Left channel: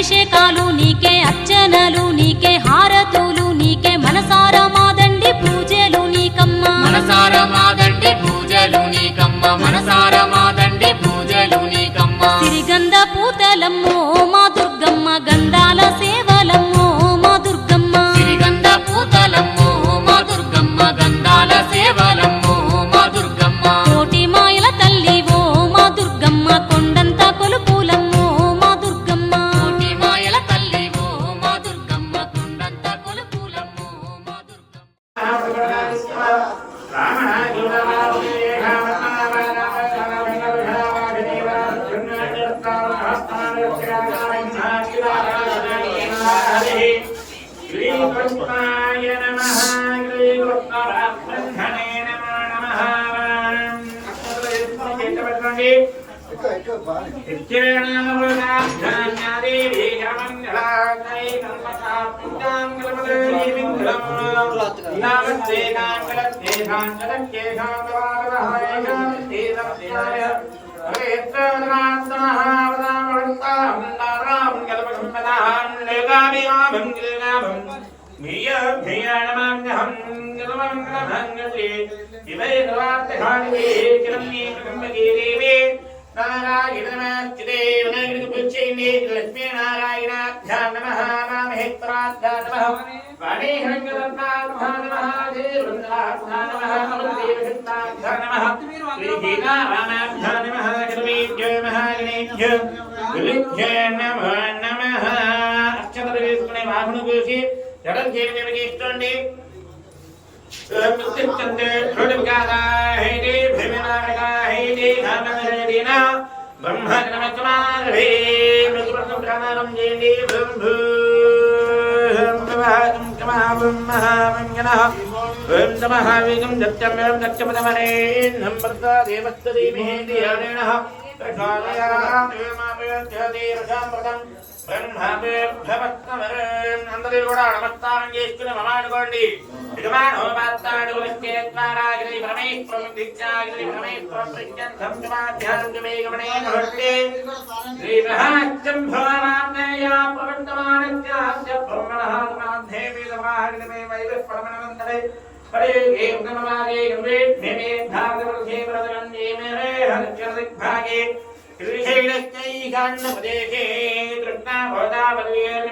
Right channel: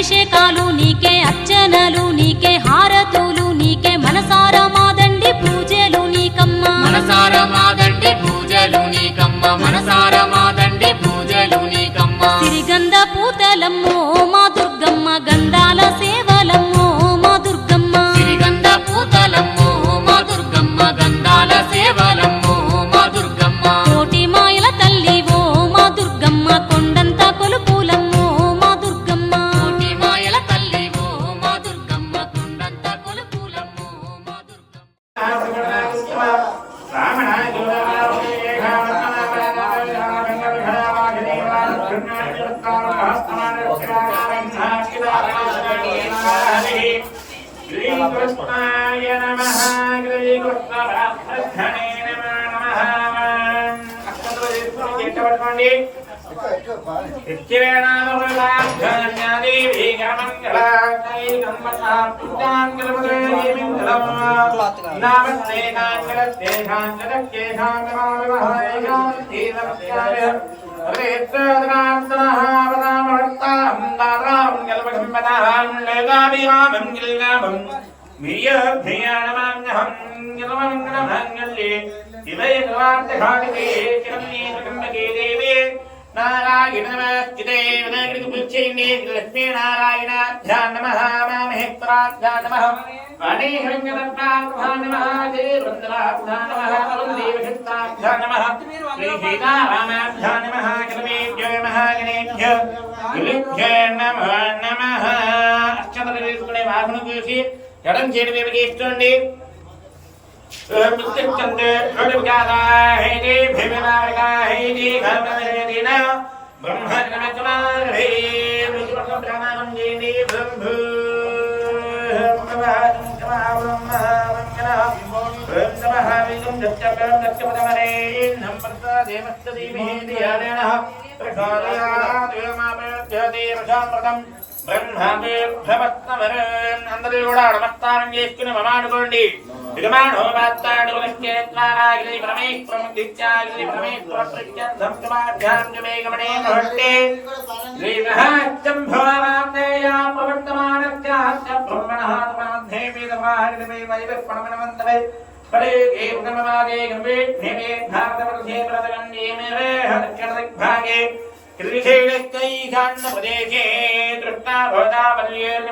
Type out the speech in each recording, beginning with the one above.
అభిషేకాలు నీకే, అర్చనలు నీకే, హారతులు నీకే, మనసారా మాదండి పూజలు నీకమ్మ, మనసారా మాదండి పూజలు నీకమ్మ, మనసారా మాదండి పూజలు నీకమ్మ. సిరిగంధ పూతలమ్మో మా దుర్గమ్మ, గంధాల సేవలమ్మో మా దుర్గమ్మ, సిరిగంధ పూతలమ్మో మా దుర్గమ్మ, గంధాల సేవలమ్మో మా దుర్గమ్మ. కోటి మాయల తల్లివో మా దుర్గమ్మ, కొండంత కొలుపులమ్మో మా దుర్గమ్మ, కోటి మాయల తల్లివో మా దుర్గమ్మ, కొండంత కొలుపులమ్మో మా దుర్గమ్మ. శ్రీకృష్ణాయ నమః. శ్రీకృష్ణరాధనే నమః. అక్షతలు వేసుకొని చేతపట్టుకోండి. నారాయణ నమస్తే వినాయకుడికి పూజ చేయండి. లక్ష్మీనారాయణాభ్యాం నమః, మామహేశ్వరాభ్యాం నమః, వాణీహిరణ్యదత్తాభ్యాం నమః, జయవందనాభ్యాం నమః, వసుదేవశక్తాభ్యాం నమః, శ్రీసీతారామాభ్యాం నమః, జగదేవ్యో మహాగణేభ్యో గురుభ్యో నమో నమః. అక్షతలు తీసుకునే వాహనం గురించి ఎడం చేతి మీదకి ఇస్తుంది. అందరూ కూడా నమస్కారం చేసుకుని మమానుకోండి. శ్రీశైలస్థైకాండప్రదేశే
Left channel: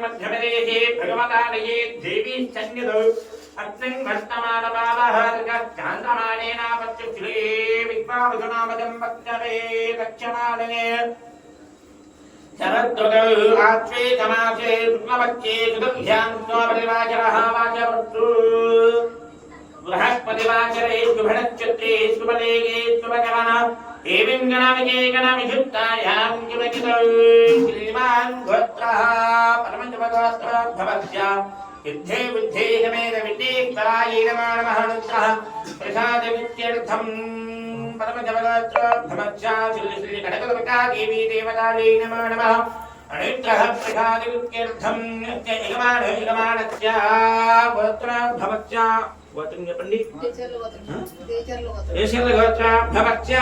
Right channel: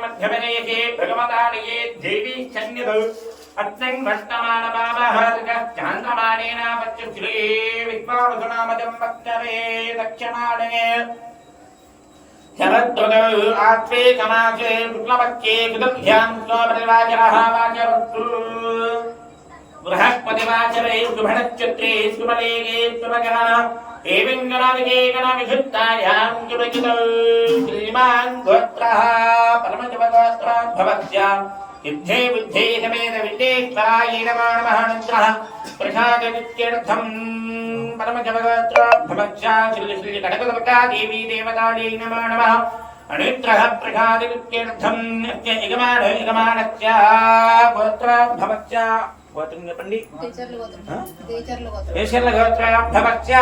మధ్యప్రదేశే భగవతాలయే దేవీ సన్నిధౌ అత్యంగ్ వర్తమానమావహార్గాంధ్రమాణేన పచ్చశ్రీ విశ్వావసునామజం వక్తవే దక్షమాణే శరద్రుతౌ ఆత్వే సమాసే శుక్లపక్షే సుదభ్యాం స్వాపరివాచరః వాచవత్తు బృహస్పతివాచరే శుభనక్షత్రే శుభలేగే శుభకరణ ఏవం గణవిజే గణవిశుద్ధాయాం శుభయుతౌ శ్రీమాన్ గోత్రః పరమశుభగోత్రోద్భవస్య యుద్ధే బుద్ధే సమేత విద్యేశ్వరాయ నమో నమః. నిత్రః ప్రసాదవిత్యర్థం పరమశుభగోత్రోద్భవస్య శ్రీ శ్రీ కనకదుర్గా దేవీ దేవతాయై నమో నమః. అనిత్రః ప్రసాదవిత్యర్థం యజమానస్య గోత్రోద్భవస్య గోత్రం చెప్పండి. దేశర్ల గోత్రోద్భవస్య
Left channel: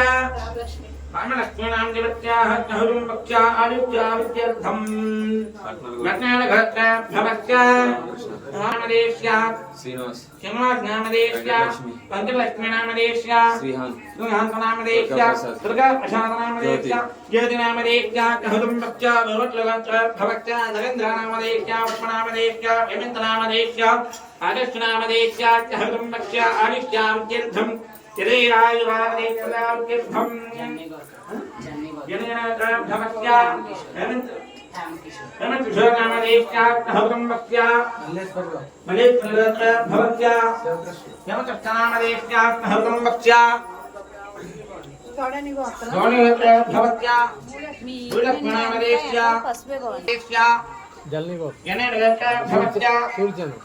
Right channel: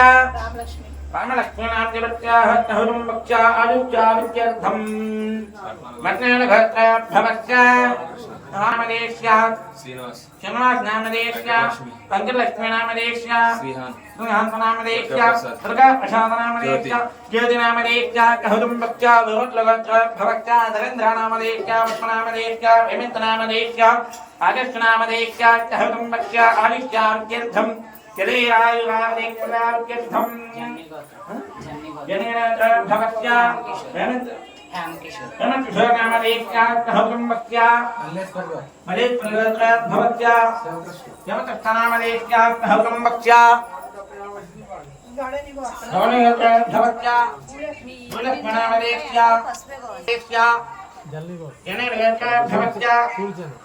రామలక్ష్మీనాంజవత్యాహురం వక్ష్యా ఆదిత్యావిత్యర్థం మజ్ఞాన గోత్రోద్భవస్య నామదేశ్య శ్రీనివాస్ నామదేశ్య పంచలక్ష్మీ నామదేశ్య శ్రీహాంత నామదేశ్య దుర్గా ప్రసాద నామదేశ్య జ్యోతి నామదేశ్య కహురం వక్ష్యా విరుట్ల గోత్రోద్భవస్య నరేంద్ర నామదేశ్య పుష్పనామదేశ్య విమిత నామదేశ్య ఆగస్టు నామదేశ్య కహురం వక్ష్య ఆదిత్యావిత్యర్థం జలేరాయురామదేశ్వరావ్యర్థం జనేనద్రభవస్య హేమకిశోరనామదేశ్య కహురం వక్ష్య మలేశ్వరద్రభవస్య యమతస్థనామదేశ్య కహురం వక్ష్య గౌణీగద్రభవస్య భూలక్ష్మణామదేశ్య జనేనద్రభవస్య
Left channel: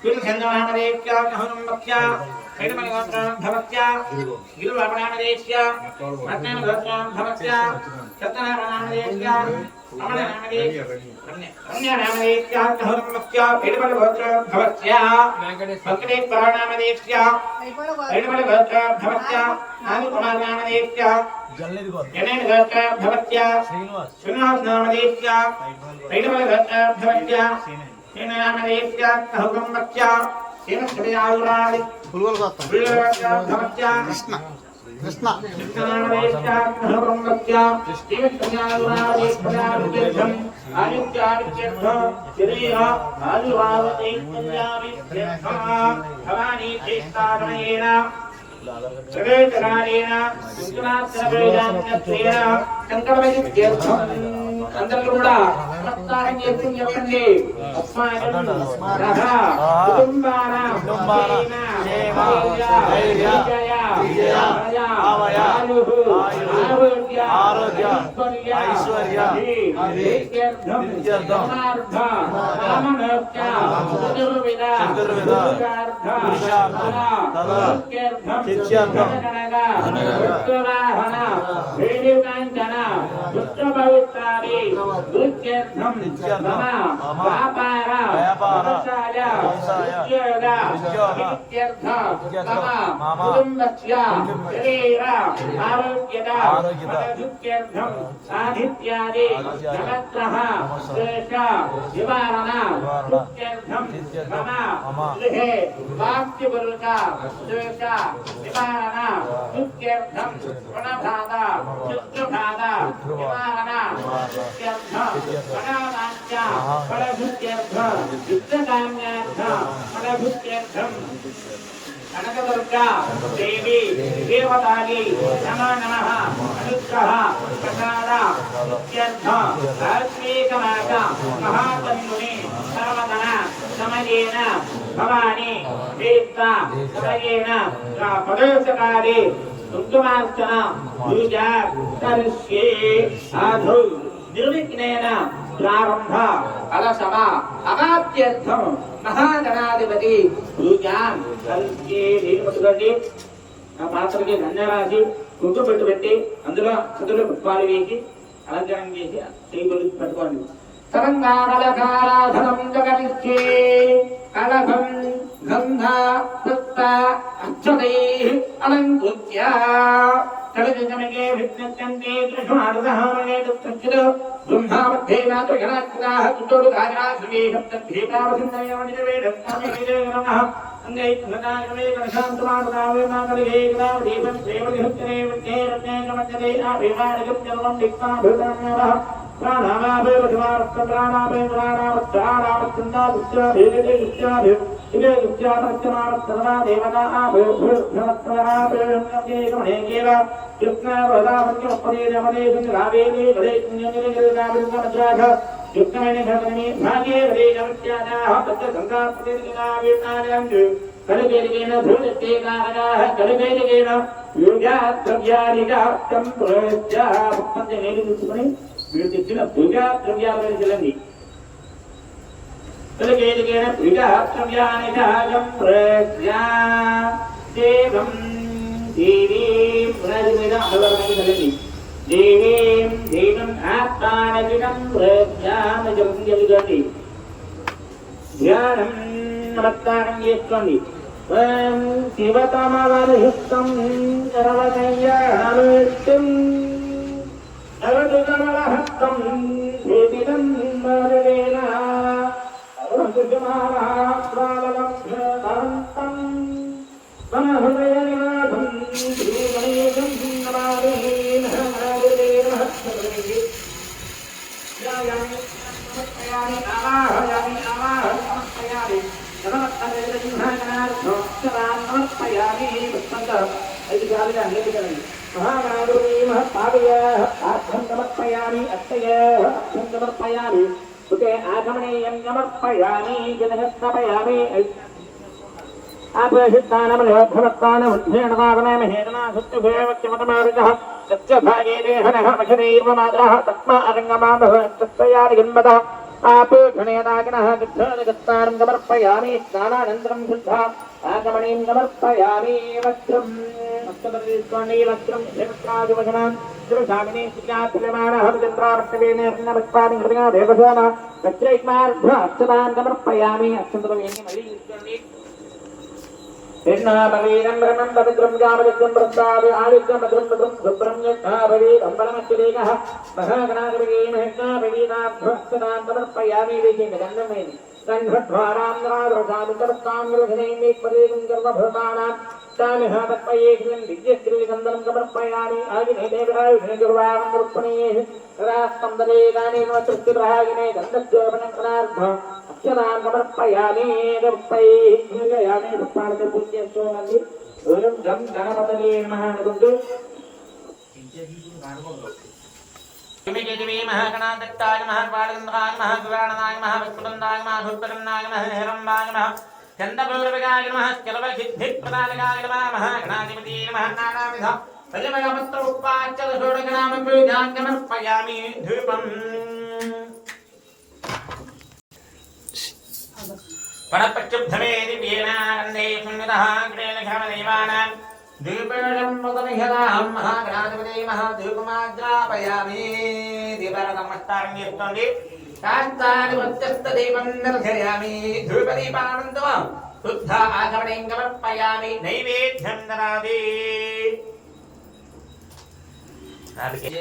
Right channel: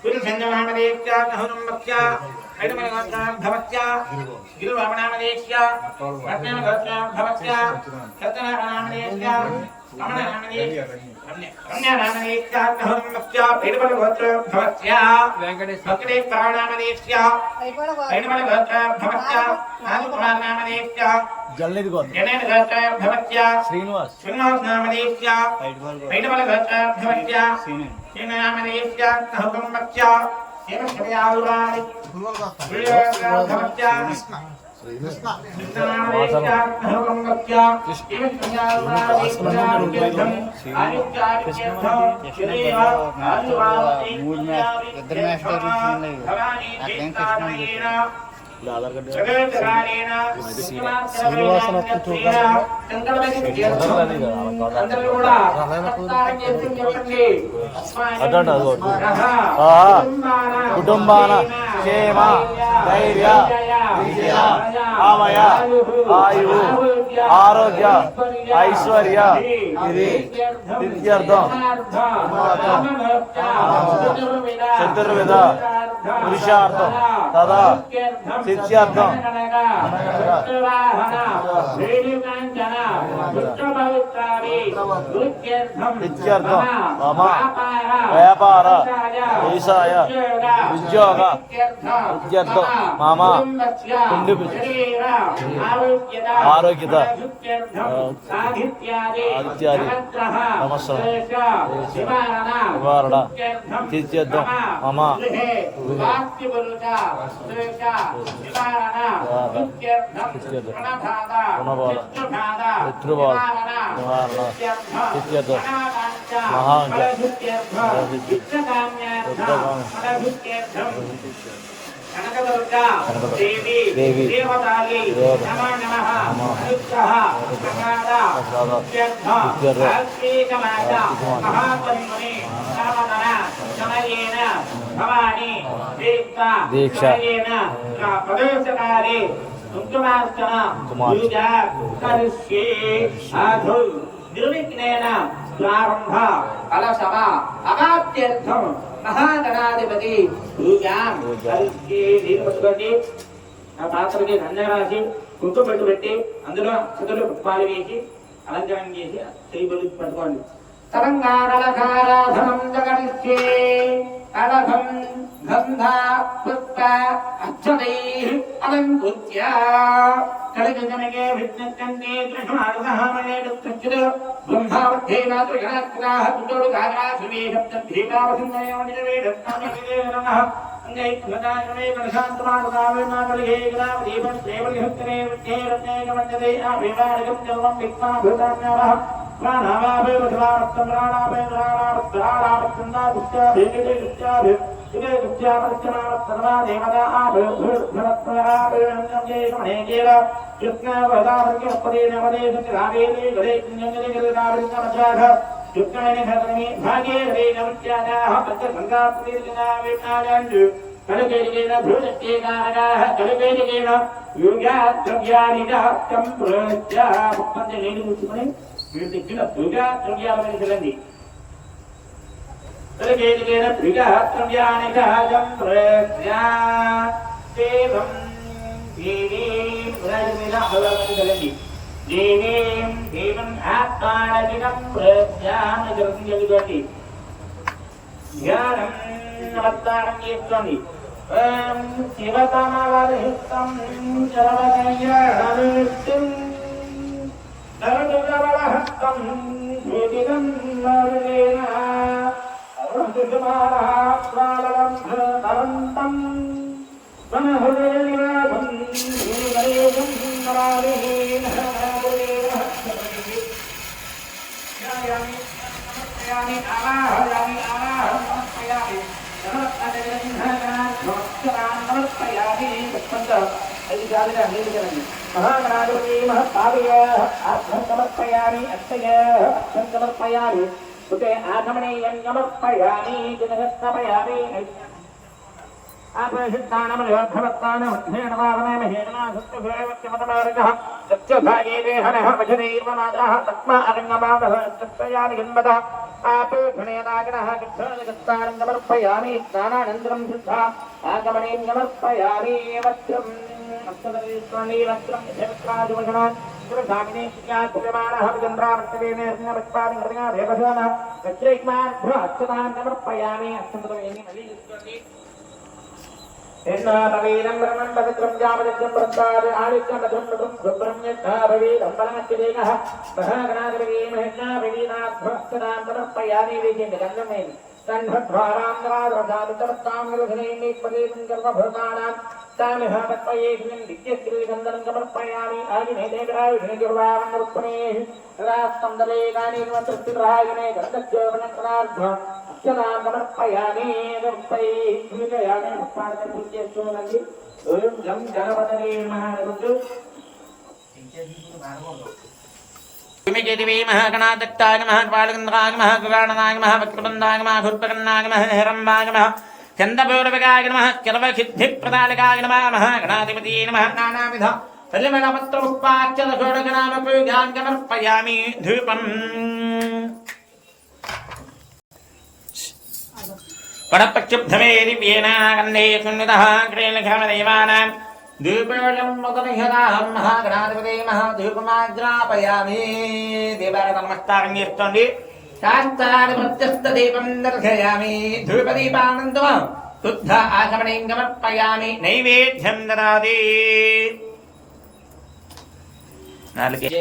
పురుషంజనామదేశ్య కహురం వక్ష్య ఐడమనగోత్రోద్భవస్య గిరివామనామదేశ్య రత్నేనగోత్రోద్భవస్య సత్యనారాయణామదేశ్య అందరూ కూడా నమస్కారం చేసి చెప్పండి. కుటుంబాన క్షేమ ధైర్య విజయ ఆమయ ఆయువు ఆరోగ్య ఐశ్వర్య విద్యార్థం చతుర్విధ పురుషార్థం తదా శిష్యార్థం నిత్యార్థం మమ వ్యాపార వ్యవసాయ ఉద్యోగ విద్యార్థం మమ ఆరోగ్యత నివారణ నిత్యార్థం మమ కనకదుర్గా దేవి దేవతాయై నమో నమః అనుగ్రహ ప్రసాద ఇత్యర్థ ఆశ్రీకమాత మహాతల్లుని సర్వతన సమయేన భవాని దీక్షేన ప్రదోషకాలే కుంకుమార్చన పూజా కరిష్యే సాధు నిర్విఘ్నేన ప్రారంభ కలశమ అవాప్త్యర్థం మహాగణాధిపతి పూజాం కరిష్యే. నీరు పట్టుకోండి. ఆ పాత్రకి నందరాజు కుంకుమ పెట్టు పెట్టి అందులో చుట్టూ పుష్పాలు వేసి అలంకారం చేసి టేబుల్ పట్టుకోండి. సరంగారలకారాధనం జగరిష్యే కలభం గంధ పుష్ప అక్షతైః అలంకృత్య కళికనకే విజ్ఞంతే దృశ్యమానసహామనే దుఃఖితో బ్రహ్మావద్ధేన త్రిగణాకృతాః తుజోడు గాజాశ్రమే శబ్దభేకావసిందయ వనిజవేదం కామికే నమః అంగై ఘటాయమే గణశాంతమానదావే మాతలిగే గ్రామదీపం సేవలిహుత్రే విజ్ఞేరజ్ఞే నమజ్జదే ఆభేవానికం జన్మం దిక్మా భూతాన్యవః ప్రాణావాభేవధవారత్తం ప్రాణాభేవధవారావత్తందాభుత్యాభేవిదేభుత్యాభే ఇదే గుత్యాపరిత్యమావత్తర్వా దేవతా ఆభేభృత్భరత్మనరాభేవన్యజేకమణేకేవ యుక్నావదావన్యపదేనవదేశరావేలే గదే పుణ్యంజలిగరిగావిరుగమజాఘ యుక్నమని భద్రమి భాగ్యే గదే నమత్యాదాః తత్తసంగాప్తిదినావేణాయాంజు కలుగేరిగేన భృతచ్చేకారగాః కలుగేరిగేన యోగాద్రవ్యానిజ సంప్రత్య ముఖ్యంగా నీళ్ళు తీసుకుని మీరు తెచ్చిన పూజా ద్రవ్యాలను వెళ్ళండి. కలుగేరిగేన పూజా ద్రవ్యానిజ సంప్రత్య దేవం దేవీం ప్రజమిన అమరావతి వెళ్ళండి. దేవీం దేవం ఆత్మానగినం ప్రత్యానజం జగతి ధ్యానం నమస్కారం చేసుకోండి. శివతమవర్హితం సర్వకయ్యానుష్టిం నరదునమలహస్తం వేదినం నరులేన సర్వసుమాలహాస్వాలలబ్ధరంతం మనహృదయనివాసం శ్రీగణేశం నమామీన నమః ధ్యాయామి సమర్పయామి ఆవాహయామి ఆవాహం సమర్పయామి మహాగణాధిపతి మహత్పాదయ అర్థం సమర్పయామి అత్తయ అర్థం సమర్పయామి ఉతే ఆగమనీయం సమర్పయామి జనహస్తమయామి ఆపేషిత్తానమయోధమత్తానముద్ధేణవాగమేమహేణనాసుత్యుభేవక్యమతమారుగः సత్యభాగే దేహనః వశనీర్వమాదరः తస్మా అరంగమామహస్తయాని జన్మదः ఆపేక్షణేదాగణः గచ్ఛాదిగత్తారం సమర్పయామి స్నానానంతరం శుద్ధా ఆగమనీం సమర్పయామి వస్త్రం అష్టదరేశ్వరణి వస్త్రం క్షేత్రాధిపజనాన్ శ్రీశాగ్ని శ్రీయాత్రిమానః చంద్రావర్తవేనేర్ణవత్పాది హృదయ దేవశోమ వజ్రైక్మార్ధ అక్షతాన్ సమర్పయామి అక్షతవేణి మళ్ళీ తీసుకోండి ఎన్నాభవేదం బ్రహ్మం పవిత్రం జామలికం ప్రసాదే ఆదిత్యం భద్రం భద్రం సుబ్రహ్మణ్యభవేదం పరమశ్చరేకః మహాగణాధిపతి మహేశ్వరీనాథ అక్షతాన్ సమర్పయామి వేసేయండి గంధమేని కన్ధ్వారాం నరాద్రసామితమస్తాం నిర్ఘనేమీశ్వరీం గర్వభూతానాం तामिहापत्पये श्रीं दिव्यश्रीगन्धनं समर्पयामि आगिने देवरायुषे दुर्वामन्दरुक्मणे रास्तं दले गानेकमचृत्तिप्रहागिने गन्धज्योपनङ्कनार्ध अक्षरान् समर्पयामि दर्पैः श्रीगयाने पुष्पाणपूज्यश्चोनन्दि ॐ गं गणपतये नमः नरुद्र महागणादत्ताय नमः बालगन्धराय नमः गुराणनाय नमः वक्रतुण्डाय नमः धूर्पकर्णाय नमः हिरम्बाय नमः चंदपूर्वकाय नमः सर्वसिद्धिप्रदायकाय नमः महागणाधिपतये नमः नानाविध फलिमलपत्रोपाच्यदशोडशनामपूजां समर्पयामि धूपम् पणपक्षुब्धमे दिव्येन गन्धे सुन्नितः ग्रेणघामदेवानां धूपेशं मुदनिहताहं महागणाधिपतये नमः धूपमाग्रापयामि देवारतमस्तारण्यस्तोण्डि शान्तानि मध्यस्थदीपं दर्शयामि धूपदीपानन्दमः शुद्ध आचमनीं समर्पयामि नैवेद्यं ददाति जय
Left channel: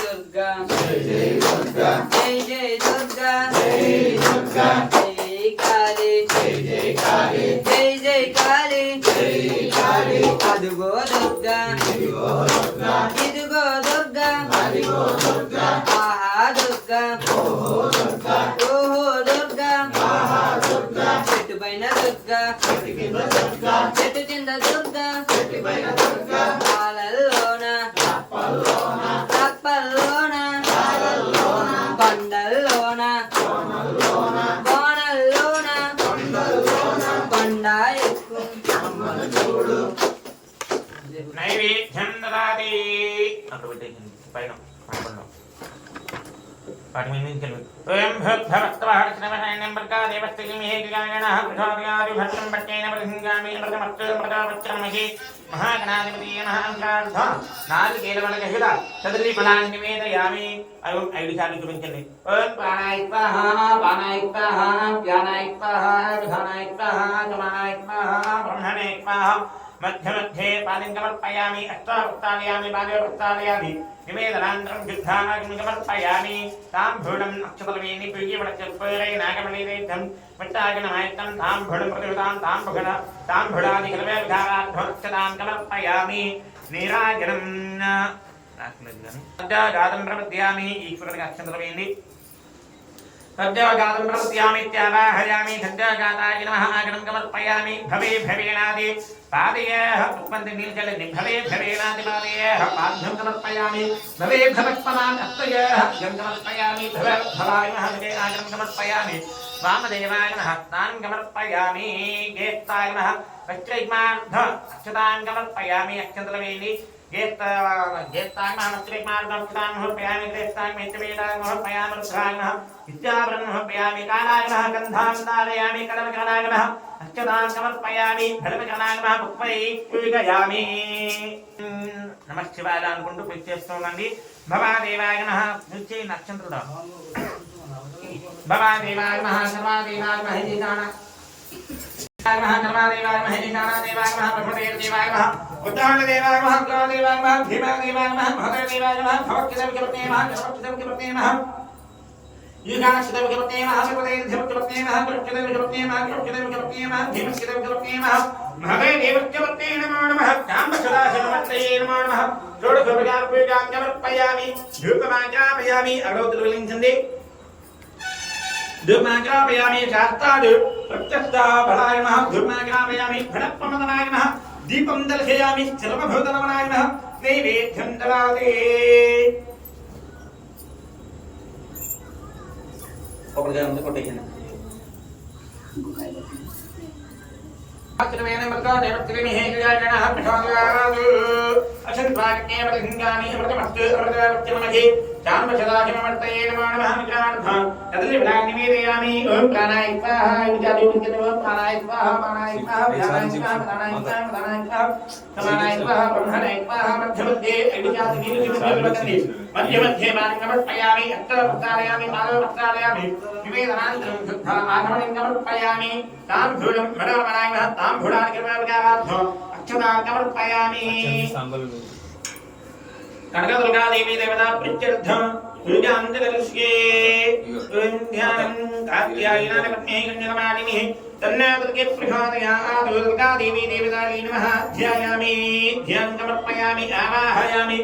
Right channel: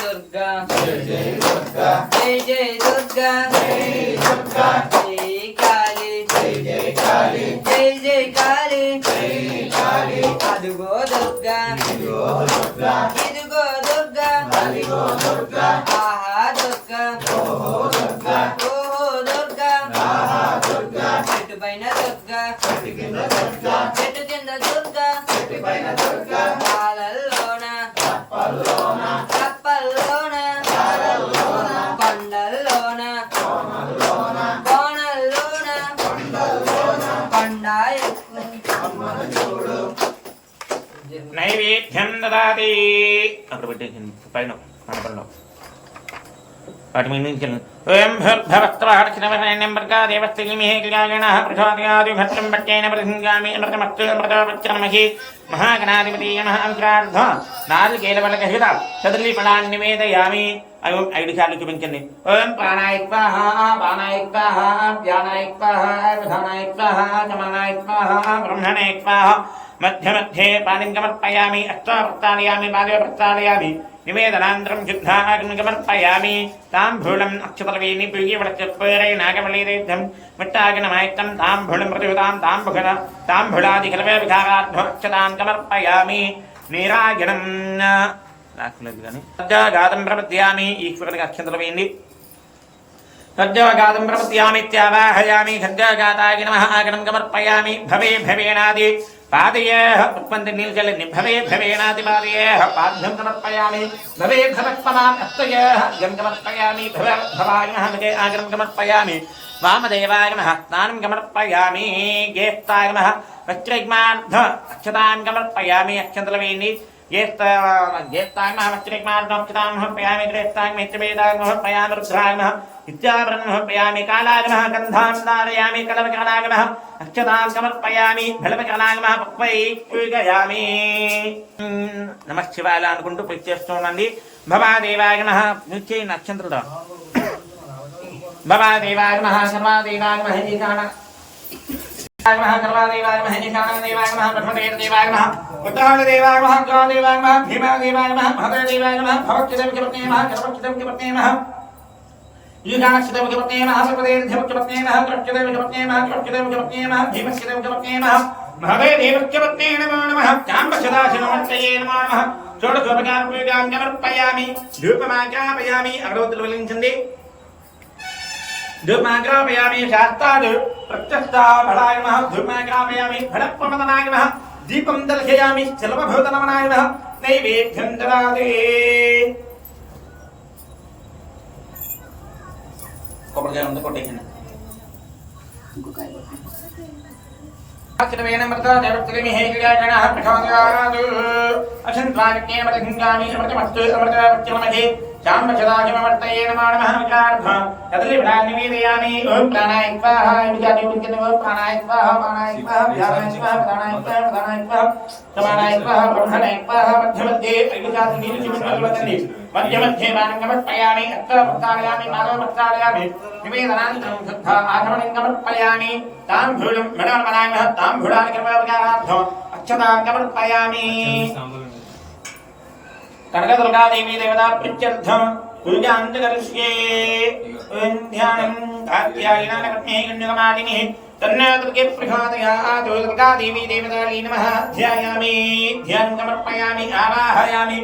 दुर्गा जय दुर्गा जय जय दुर्गा जय दुर्गा जय काली जय काली जय जय काली जय काली अदुगो दुर्गा इदुगो दुर्गा इदुगो दुर्गा अदिगो दुर्गा आहा दुर्गा ओहो दुर्गा ओहो दुर्गा आहा दुर्गा చెట్టు పైన దుర్గా చెట్టు కింద దుర్గా చెట్టు కింద దుర్గా చెట్టు పైన దుర్గా పాలల్లోన కప్పల్లోన కప్పల్లోన పాలల్లోన కొండల్లోన కోనల్లోన కోనల్లోన కొండల్లోన కొండ ఎక్కు అమ్మను చూడు నైవేద్యం దదాతి అక్కడ పెట్టేసింది పైన మండపంలో వాటి మీద నుంచి ఓం భూర్భవస్త్రహర్షణవర్ణేన మృగాదేవస్థిమిహే గిరిగాయణః ప్రచోదయాదిభద్రం భట్టేన ప్రసంగామి అమృతమస్తు అమృతవచ్చర్మహి మహాగణాధిపతీయ మహాంకార్థ నారికేలవలకహిత చతుర్లి ఫలాన్ని నివేదయామి అవి 5 సార్లు చూపించండి ఓం ప్రాణాయ స్వాహ పానాయ స్వాహ వ్యానాయ స్వాహ విధానాయ స్వాహ సమానాయ స్వాహ బ్రహ్మణే స్వాహ మధ్య మధ్యే పానిం సమర్పయామి అష్టావృత్తాలయామి పాదే ప్రస్తాలయామి నివేదనాంతరం శుద్ధాగ్ని సమర్పయామి తాంబూలం అక్షతలవేణి ప్రియవడచపరే నాగవళీరేద్ధం విట్టాగ్నమాయత్తం తాంబూలం ప్రతిహృతాం తాంబూలాదికలవేవిధారాధ్వక్షతాం సమర్పయామి నీరాజనం రాకలేదు కానీ సజ్జాగాతం ప్రపద్యామి ఈశ్వరుడికి అక్షతలవేణి సజ్జాగాతం ప్రపద్యామిత్యావాహయామి సజ్జాగాతాయ నమః ఆగనం సమర్పయామి భవే భవేనాది పాదయేః ఉత్పత్తి నీల్చల్లి భవే భవేనాది పాదయేః పాద్యం సమర్పయామి భవే భవత్పనాం అత్తయేః గం సమర్పయామి భవాయ నమః విదే ఆగనం సమర్పయామి వామదేవాయ నమః స్నానం సమర్పయామి గేస్తాయ నమః వస్త్రైగ్మార్థ అక్షతాం సమర్పయామి అక్షతలవేణి ज्येष्ठाय नमः वस्त्रेक्मार्गोक्षतां समर्पयामि श्रेष्ठाय मित्रवेदाय समर्पयामि रुद्राय नमः विद्याभरणं समर्पयामि कालाय नमः गन्धां धारयामि कलवकरणाय नमः अक्षतां समर्पयामि फलवकरणाय नमः पुष्पैः पूजयामि नमः शिवाय అనుకుంటూ పూజ చేస్తున్నాండి భవాదేవాయ నమః నిత్య నక్షత్రుడా భవాదేవాయ నమః సర్వాదేవాయ నమః ఈశాన नमः सर्वादेवाय नमः ईशानदेवाय नमः ब्रह्मदेवाय नमः उत्तरादेवाय नमः क्रोधदेवाय नमः भीमादेवाय नमः भद्रदेवाय नमः भवच्चिदविपत्ने नमः सर्वच्चिदविपत्ने नमः ईशानचिदविपत्ने नमः सर्वदेवचिदविपत्ने नमः कृष्णदेवचिदविपत्ने नमः कृष्णदेवचिदविपत्ने नमः भीमचिदविपत्ने नमः भवेदेवचिदविपत्ने नमो नमः चाम्बसदाशिवमूर्तये नमो नमः षोडशोपचारपूजां समर्पयामि धूपमाज्ञापयामि अग्रवद्वलिञ्चन्दे धूपमाग्रापयामि शास्त्राद् प्रत्यक्षफलाय नमः धूपमाग्रापयामि फलप्रमदनाय नमः दीपं दर्शयामि सर्वभूतनमनाय नमः नैवेद्यं ददाति కొబ్బరికాయ ఉంది కొట్టేసింది అక్షతమేన మృత దేవత్రిమి హేగియాగణః ప్రథమగారాదు అక్షత स्वागते अमृतंगामि अमृतमस्तु अमृतवच्चमजे चान्वचदाहिमवर्तये नमो नमः विचार्धं तदलिभ्रान्निवेदयामि ओम प्राणाय स्वाहा विचार्योदितो प्राणाय स्वाहा ध्यानाय स्वाहा प्राणाय स्वाहा समानाय स्वाहा ब्रह्मणाय स्वाहा मध्यमध्ये ऐदुसादिनिविचिमद्वदवदन्ति मध्यमध्ये बाणङ्गमर्पयामि अत्तप्रस्थानयामि पादप्रस्थानयामि निवेदनान्तरं शुद्धा आचमणङ्गमर्पयामि ताम्बूलं मृडवमनायमः ताम्बूलानि कृपयावचारार्थम् अक्षताङ्गमर्पयामि कनकदुर्गा देवी देवता प्रीत्यर्थं पूजान्तकरिष्ये ओम ध्यानं कात्यायनापत्नी कुञ्जकमालिनी तन्नोदर्गे प्रचोदयात् दुर्गा देवी देवतायै नमः ध्यायामि ध्यानं समर्पयामि आवाहयामि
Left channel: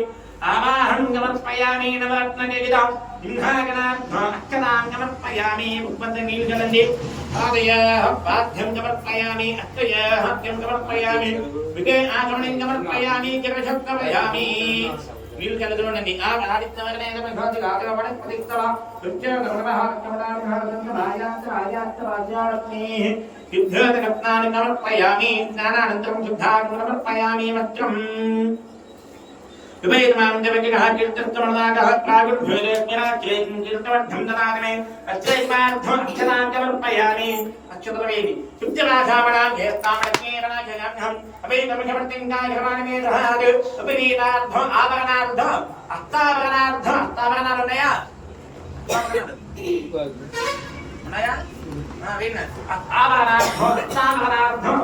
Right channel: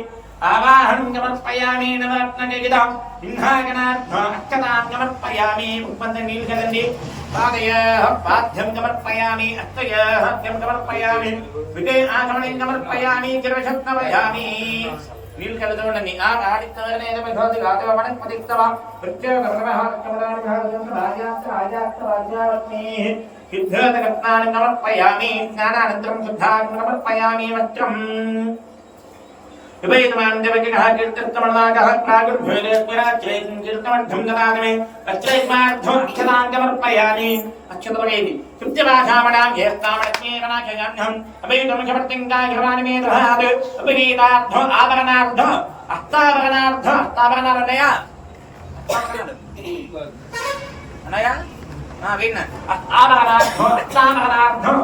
आवाहनं समर्पयामि नवरत्नगीतं सिंहागणार्थम् अक्षतां समर्पयामि उपबन्धनीलजलन्ति पादयः पाद्यं समर्पयामि अस्तयः हस्तं समर्पयामि विके आगमनं समर्पयामि गिरशब्दमयामि నీలకలదోండి ఆ ఆడిత్తవనే నమః గాగమణ పదిత్తవ ప్రత్యేకమః కమలాని భాగం భార్యాక్క ఆర్యాక్క రాజ్యాలక్ష్మీ విద్యలత రత్నాని సమర్పయామి జ్ఞానానంతరం శుద్ధాని సమర్పయామి వస్త్రం వివేదమానం దేవకిః కీర్తనమనాగః ప్రాగుర్భేలేస్వరాజ్యేం కీర్తనమర్థం దదామి అత్రైమార్థం అక్షతాం సమర్పయామి అక్షతవేది తృప్తివాసామనాం యేస్తామణ్యేమనాచయామ్యహం అవేదం సమర్తింగాయ హవానిమే దహాద్ ఉపరీతార్థం ఆభరణార్థం అస్తాభరణార్థం అనయా విన్న అస్తాభరణార్థం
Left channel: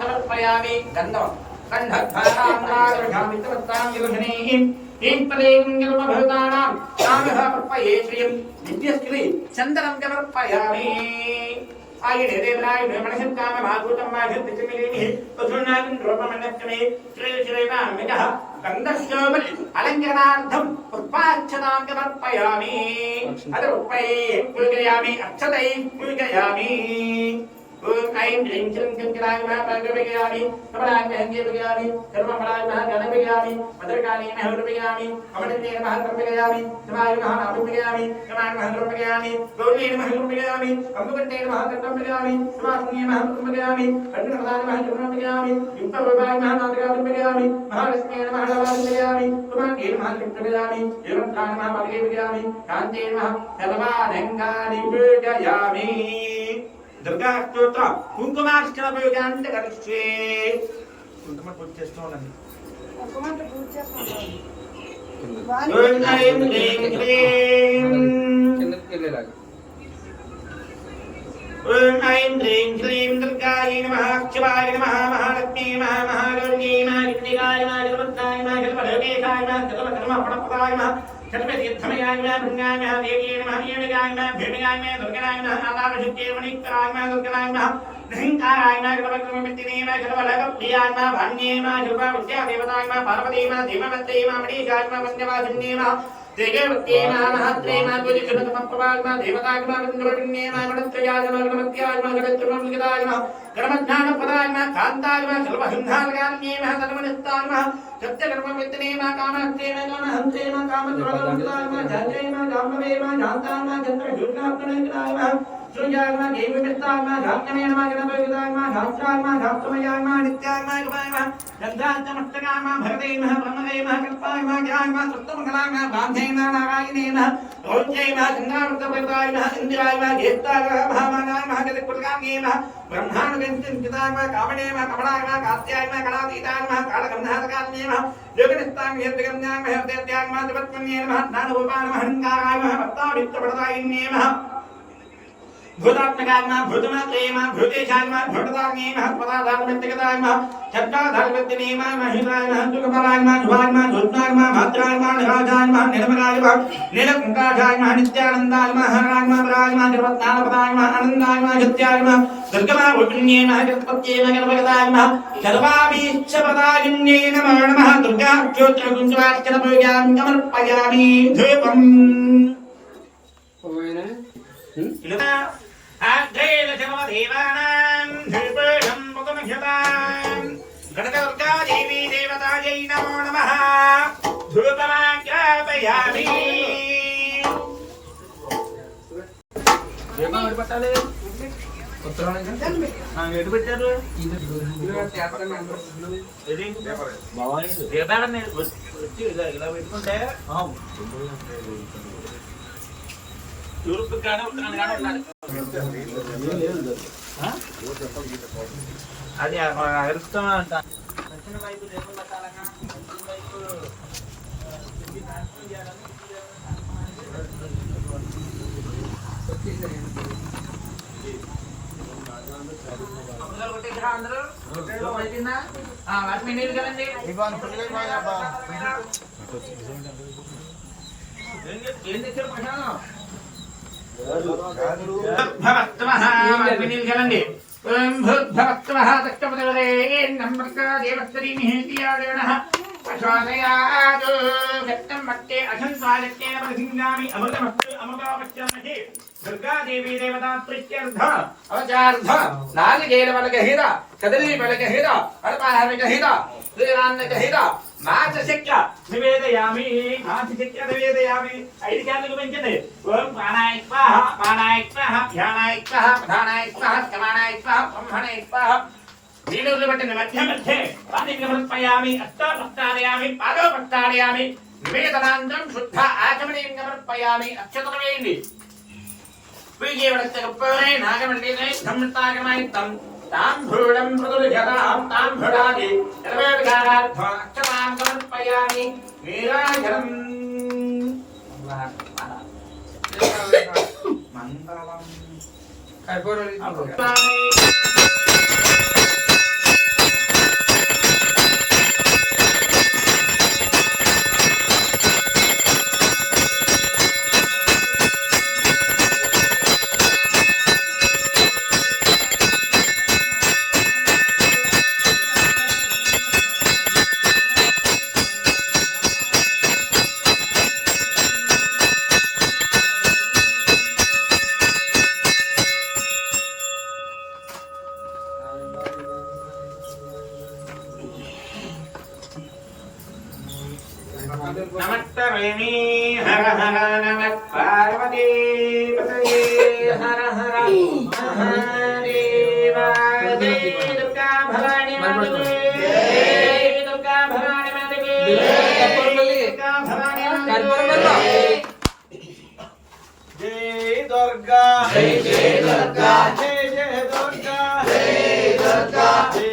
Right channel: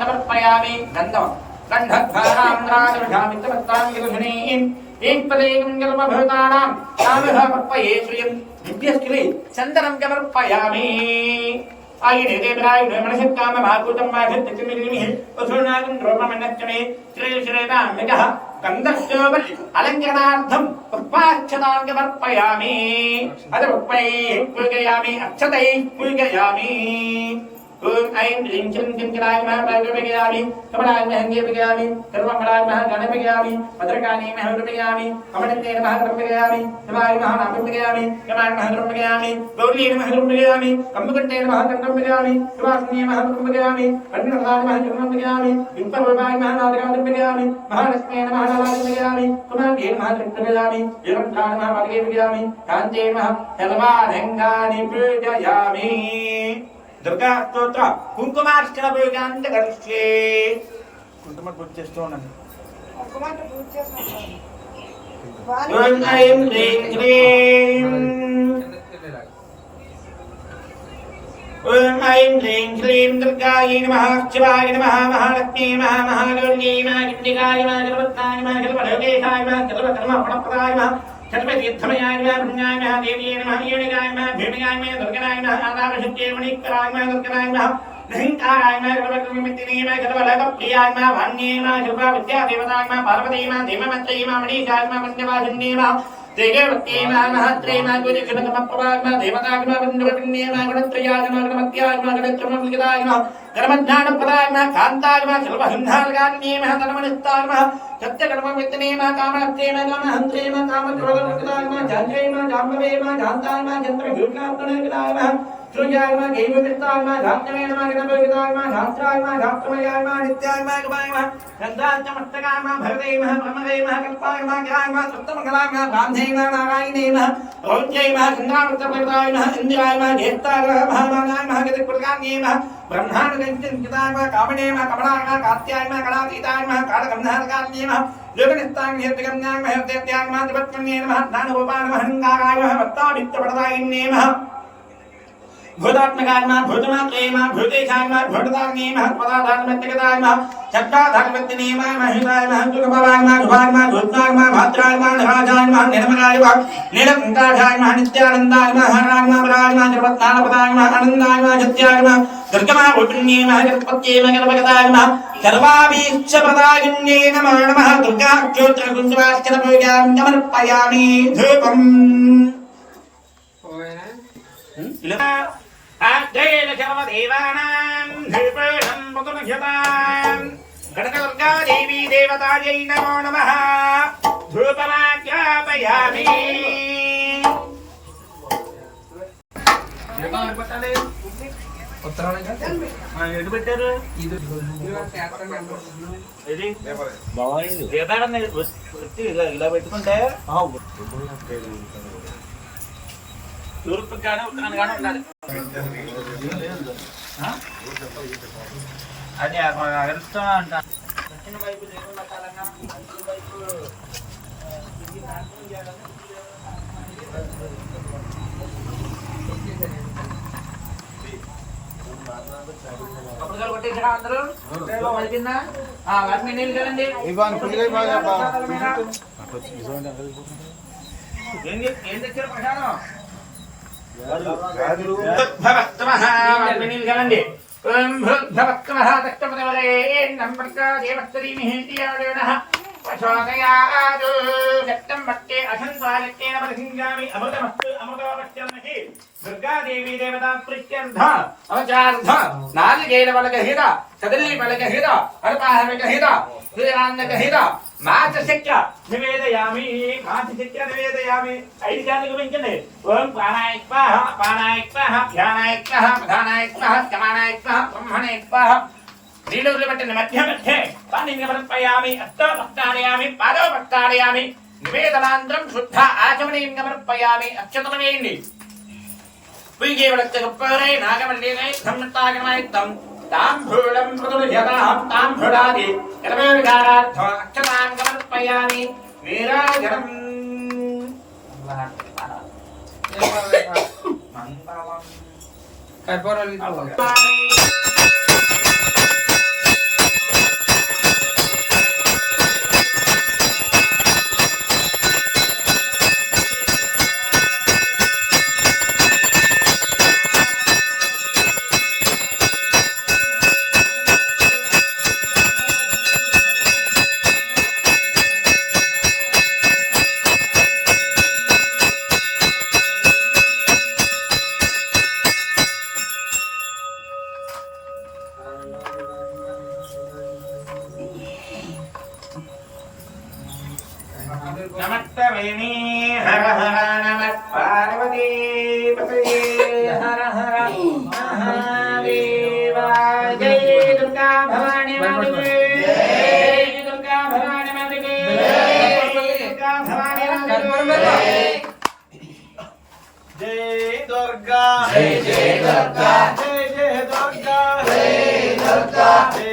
సమర్పయామి గంధం కంఠద్వారాంధ్రాదర్శామిత్రవత్తాంగిరుషణీం ఏకపదేవం జన్మభూతానాం తామహ పర్పయే శ్రియం విద్యస్కృతి చందనం సమర్పయామి आयने देवराय मनसत्काम भागवतं वाघत्तिमिनिमिः वसुनागं रोममन्नच्चमे श्री श्रीरामः गन्धश्चोबल अलङ्करणार्थं पुष्पाक्षतां समर्पयामि अदरुपैः पूजयामि अक्षतैः पूजयामि ओम ऐं ह्रीं श्रीं किंकराय नमः पादुपयामि कमलाय महंगे पयामि सर्वमंगलाय नमः गणपयामि भद्रकाली नमः रूपयामि अमृते नमः रूपयामि नमाय नमः नामपयामि नमाय नमः रूपयामि गौरी नमः रूपयामि कम्बकटे नमः रूपयामि सुवासिनी नमः रूपयामि कन्नडाय नमः रूपयामि विप्परूपाय नमः रूपयामि महालक्ष्मी नमः रूपयामि कुमारी नमः रूपयामि एवंकार नमः पादुपयामि कांते नमः सर्वाधंगानि पूजयामि दुर्गा स्तोत्र कुंकुमार्चन पूजांत करिष्ये కుంకుమ పూజ చేస్తూ ఉండండి ओम ऐं ह्रीं क्लीं ओम ऐं ह्रीं क्लीं दुर्गायै नमः शिवाय नमः महालक्ष्मी नमः महागौरी नमः गिरिकाय नमः सर्वत्राय नमः सर्वलोकेशाय नमः सर्वधर्मफलप्रदाय नमः सर्वतीर्थमयाय नमः भृङ्गाय नमः देव्यै नमः येणिकाय नमः भेटिकाय नमः दुर्गाय नमः आदारशक्त्यै मणिकराय नमः दुर्गाय नमः निरंकाराय नमः सर्वकर्ममित्तिने नमः सर्वलोकप्रियाय नमः भान्ये नमः सर्वविद्यादेवताय नमः पार्वती नमः धीमवत्यै नमः मणिकाय नमः वन्द्यवासिन्ये नमः देववत्यै नमः महत्रे नमः कुलक्षणकमप्रभाय नमः देवताय नमः वन्द्यवटिन्ये नमः गणत्रयाय नमः गणमत्याय नमः गणत्रमलिकाय नमः धर्मज्ञानप्रदाय नमः कान्ताय नमः सर्वसंहारकान्ये नमः धर्मनिष्ठाय नमः सत्यकर्ममित्तिने नमः कामहत्रे नमः कामहन्त्रे नमः कामक्रोधमुक्ताय नमः जान्त्रे नमः जाम्बवे नमः जान्ताय नमः चन्द्रभूषणात्मनेकदाय नमः श्रुयाय नमः देववित्ताय नमः धात्मने नमः गणपतिदाय नमः धात्राय नमः धात्रमयाय नमः नित्याय नमः गवाय नमः गन्धाचमस्तकाय नमः भरते नमः ब्रह्मदे नमः कल्पाय नमः ज्ञाय नमः सप्तमङ्गलाय नमः ब्राह्मणे नमः नारायणे नमः औज्ञे नमः चन्द्रावृतप्रदाय नमः इन्द्राय नमः घेत्ताय नमः महामानाय नमः गतिप्रकान्ये नमः ब्रह्माण्डकञ्चनकिताय नमः कामणे नमः कमलाय नमः कात्याय नमः कलातीताय नमः कालगन्धारकान्ये नमः योगनिष्ठाय हेतुकन्याय नमः हेतुत्याय नमः त्रिपत्मन्ये नमः ज्ञानरूपाय नमः हंकाराय नमः भक्ताभित्तप्रदायिन्ये नमः भूतात्मकाय नमः भूतमात्रे नमः भूतेशाय नमः भूतदान्ये नमः पदाधान्मत्यगताय नमः चक्राधान्मत्यने नमः महिताय नमः सुखपराय नमः शुभाय नमः धूताय नमः भात्राय नमः निराजाय नमः निर्मलाय नमः नीलकण्ठाय नमः नित्यानन्दाय नमः हराय नमः वराय नमः निर्वत्नापदाय नमः आनन्दाय नमः सत्याय नमः दुर्गमा भूतन्ये नमः गणपत्ये नमः गणपतये नमः सर्वाभीष्टप्रदायिन्ये नमः नमः दुर्गा स्तोत्र कुञ्जवार्चन पूजां समर्पयामि धूपम् अद्वैत सर्वदेवानां धूपं मुकुटभ्यतां गणदुर्गा देवी देवतायै नमो नमः धूपमाज्ञापयामि ఎటు పెట్టారు ఇది ఇది తీర్థాడని వచ్చి ఇలా పెట్టుకుంటే తూర్పు కానీ ఉత్తరాన్ని కానీ ఉండాలి. అది అగరుస్తా అంట అందరూ వాటిని నీళ్ళు కదండి ఏం తెచ్చారు ప్రసాదం భవత్వమహాండి ఓం భూర్భవత్వమః తక్కపదరే నమ్రతా దేవస్తరీమిహిత్యాదేవనః ప్రచోదయాదు గట్టం మత్తే అసంస్వాదిత్యేన పరిసింగామి అమృతమస్తు అమృతోపశ్చమహి దుర్గాదేవి దేవతా ప్రీత్యర్థ అవచార్థ నాలికేల బలగహిత కదల్లి బలగహిత అల్పాహరగహిత సూర్యనాన్నగహిత మాచశక్య నివేదయామి మాచశక్య నివేదయామి 5 శాంతికి పెంచండి ఓం ప్రాణాయ స్వాహ అపానాయ స్వాహ ధ్యానాయ స్వాహ ప్రధానాయ స్వాహ సమానాయ స్వాహ బ్రహ్మణాయ స్వాహ నీడూలు పెట్టిన మధ్య మధ్యే పాణిని సమర్పయామి అష్టోపస్తాడయామి పాదోపస్తాడయామి నివేదనాంతరం శుద్ధ ఆచమనీయం సమర్పయామి అక్షతమేయండి పుయ్యేవడచ్చ గొప్పదై నాగమల్లినై ధమ్నతాగనాయిత్తం తాంభూలం ప్రతుజతాం తాంభుడాది కర్మవిధానార్థ అక్షతాం సమర్పయామి వీరాగరం మంగళం కర్పూరం నమస్తమేమి హర హర నమః పార్వతీ పతయే హర హర మహాదేవ జై దుర్గా భవాని మాతకే జై దుర్గా భవాని మాతకే జై దుర్గా భవాని మాతకే జై దుర్గా జై జై దుర్గా జై జై దుర్గా జై దుర్గా జై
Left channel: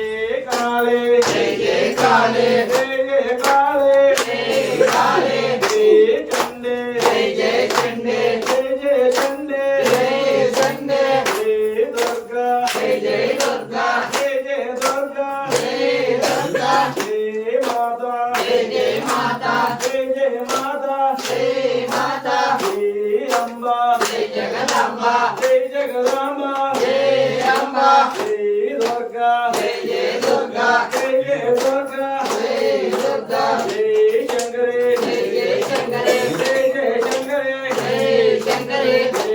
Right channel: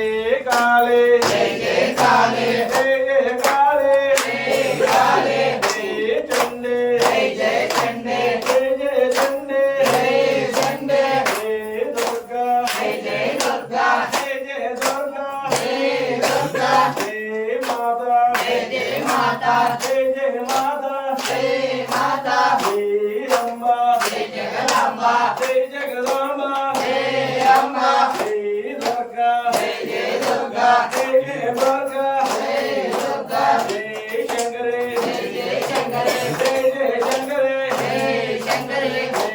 కాళీ జై జై కాళీ జై జై కాళీ జై కాళీ జై చండే జై జై చండే జై జై చండే జై చండే జై దుర్గా జై జై దుర్గా జై జై దుర్గా జై దుర్గా జై మాతా జై జై మాతా జై జై మాతా జై మాతా జై అంబా జై జగదంబ జై జగదంబ జై అంబ జై దుర్గా జై జై దుర్గా జై జై దుర్గా జై దుర్గా జై శంకరే జై జై శంకరే జై జై శంకరే జై శంకరే జై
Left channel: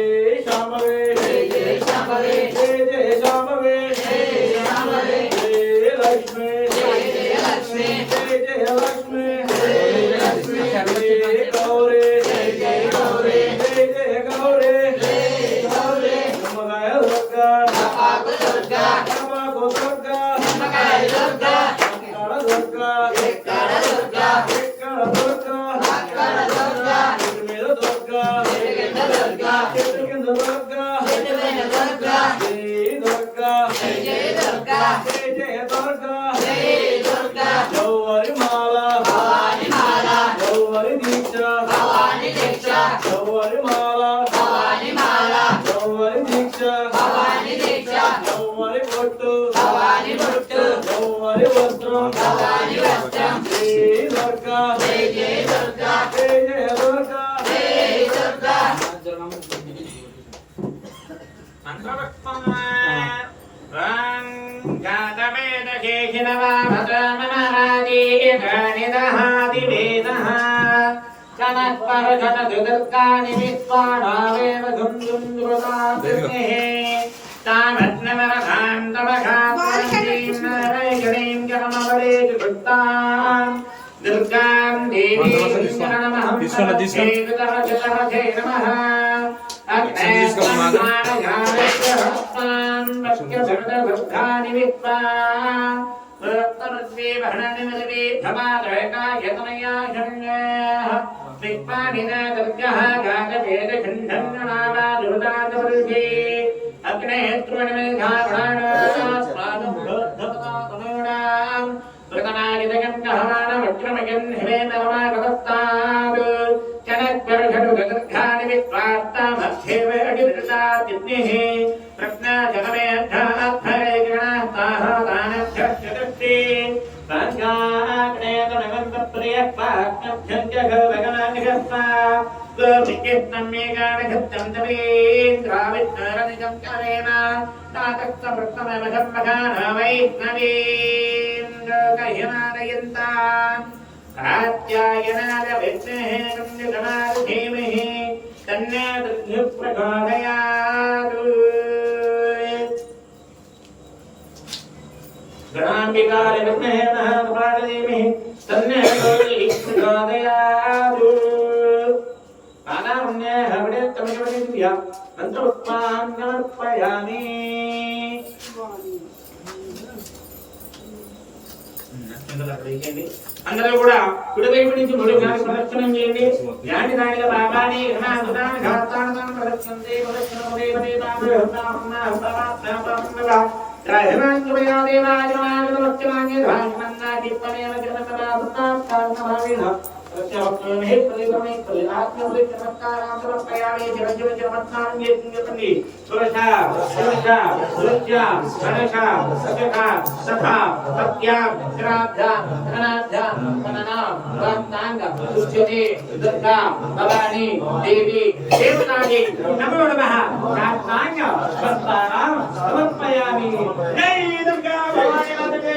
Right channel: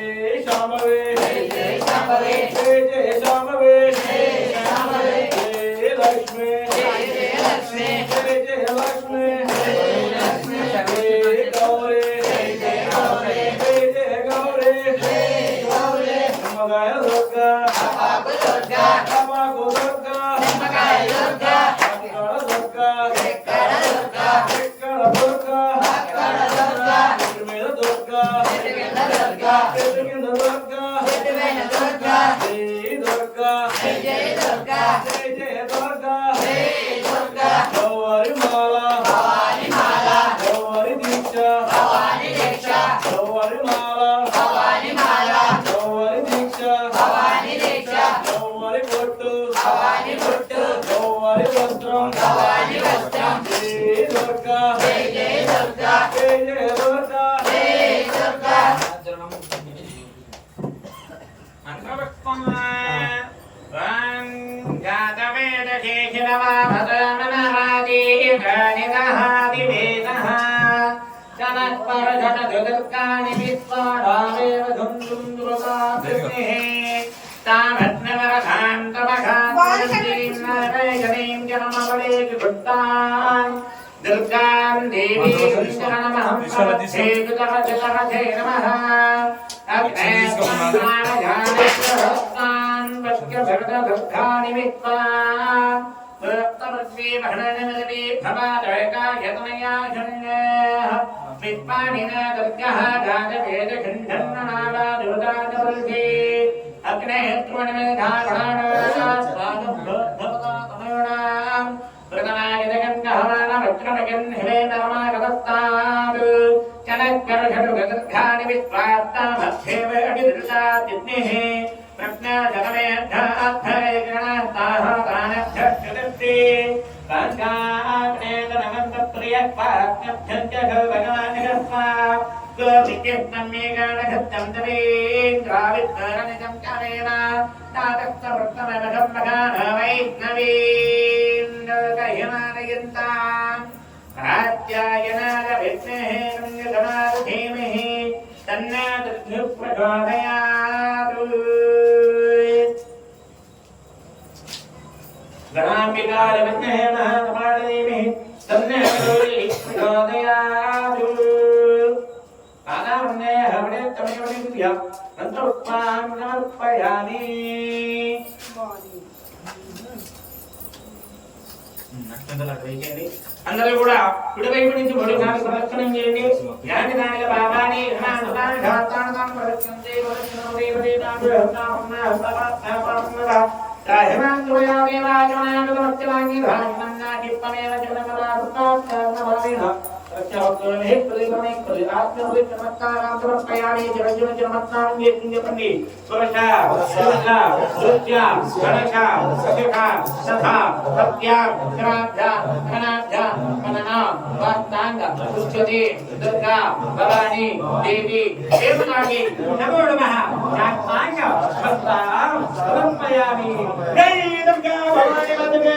శాంభవే జై జై శాంభవే జై జై శాంభవే జై శాంభవే జై లక్ష్మి జై జై లక్ష్మి జై జై లక్ష్మి జై లక్ష్మి జై గౌరీ జై జై గౌరీ జై జై గౌరీ జై గౌరీ నమగాయ దుర్గా నమకు దుర్గా నమకు దుర్గా నమకాయ దుర్గా అక్కడ దుర్గా ఎక్కడ దుర్గా ఇక్కడ దుర్గా అక్కడ దుర్గా చెట్టు మీద దుర్గా చెట్టుకింద దుర్గా చెట్టు కింద దుర్గా చెట్టుపైన దుర్గా జై దుర్గా జై జై దుర్గా జై జై దుర్గా జై దుర్గా గౌరీ మాల భవాని మాల గౌరీ దీక్ష భవాని దీక్ష గౌరీ మాల భవాని మాల గౌరీ దీక్ష భవాని దీక్ష గౌరీ బొట్టు భవాని బొట్టు గౌరీ వస్త్రం భవాని వస్త్రం జై దుర్గా జై జై దుర్గా జై జై దుర్గా జై దుర్గా మంత్రపుష్పం ఓం జాతవేదకేశినవాభద్రమనాదీర్ఘనిదహాదివేదః జనఃపరఘటదుర్గాని విశ్వాడావేవ ధుంధుం ధృతాస్మిః తామగ్నవరధాం తపఘాతీం నరైకరీం జనమవళేకృత్తాం దుర్గాం దేవీం నమః నమః అగ్నే वक्य भगवता दुःखानि वित्वा वक्तमद्वे भरणनिमिर्वे भवादयका यतनया शन्यः विक्पाणिना दुर्गः गाजवेदखण्डन्नावा दुर्गादवल्भे अग्नेः त्रुवणमेधावणान् स्वादं भवता तमूणाम् प्रतनादिगन्धहमान वज्रमयन् हिमेनगमागतस्तात् चनक्वर्षडु गदर्घानि वित्वात्तामध्येव अडिदृशा तिग्निः प्रज्ञाजगमेऽर्थार्थरे गणास्ताः दानभ्यश्चतस्ते काञ्चाग्नेतनगन्धप्रियक्वाज्ञभ्यञ्जघवगमानिगस्वा गोपिकेत्नम्येकानघत्यं तमेन्द्रावित्तरनिजं चरेण तातक्तवृत्तमवशं मघाना वैष्णवीन्द्रकह्यमानयन्तान् कात्यायनाय विद्महे कन्यकमारु धीमहि तन्नो प्रचोदयात् गणाम्बिकाय विद्महे महाकपाल धीमहि तन्नो प्रचोदयात् आनामन्ये हवडे तमिलवदिभ्य अन्तरुत्पान्नर्पयामि అందరూ కూడా కుడివైపు నుంచి మూడుసార్లు ప్రదక్షిణం చేయండి ధ్యాని దానిగా బాబాని ఘనానుదాని ఘాతాను దాని ప్రదక్షిణం చేయి ప్రదక్షిణం దేవతే తామృహతామన్న హస్తవాత్తాపరమృవ రాహమాంతుమయా దేవాజనాగతమత్యవాంగి ధాన్యమన్నా కిప్పనేన జగనపదార్థాత్తార్ణభావేన ప్రత్యవక్తోనే ప్రతిగుణే కలినాత్మోది నమస్కారాంతరపయామి జగజ్జన జన్మత్నాంగే కుంజపండి పురుష పురుష సృత్య గణేశ సకక సఖా సత్య ఘనార్థ ఘనార్థ గణనా భక్తాంగ సుస్థితి దుర్గా భవాని దేవి దేవతాగి నమో నమః భక్తాంగ భక్తాం సమర్పయామి జై దుర్గా భవాని జై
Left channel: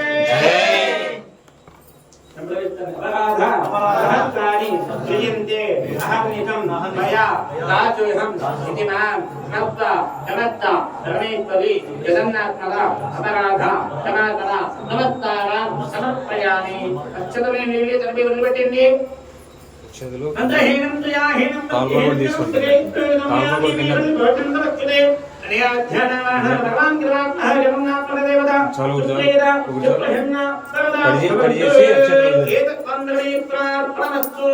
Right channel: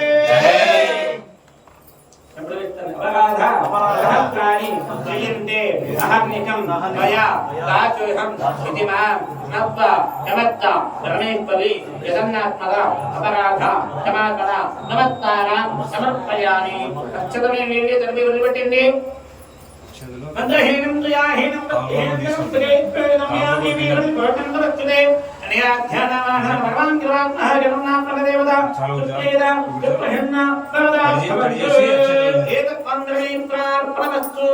सहस्राणि क्रियन्ते अहर्निकं मया राजुहं इति मां नव्व नमत्त रमेश्वरी जगन्नात्मक अपराध क्षमापण नमस्तारां समर्पयामि अक्षतमे नीले तर्पि वलिपट्टिंदि मंत्रहीनं जयाहीनं भक्तिहीनं प्रेत्यामि भक्तिं अनियाध्यानाः भगवान् कृपात्मः जगन्नाथ देवता चालू प्रहन्ना करिजेसी अक्षतमे एतत् वन्दने प्रार्थनस्तु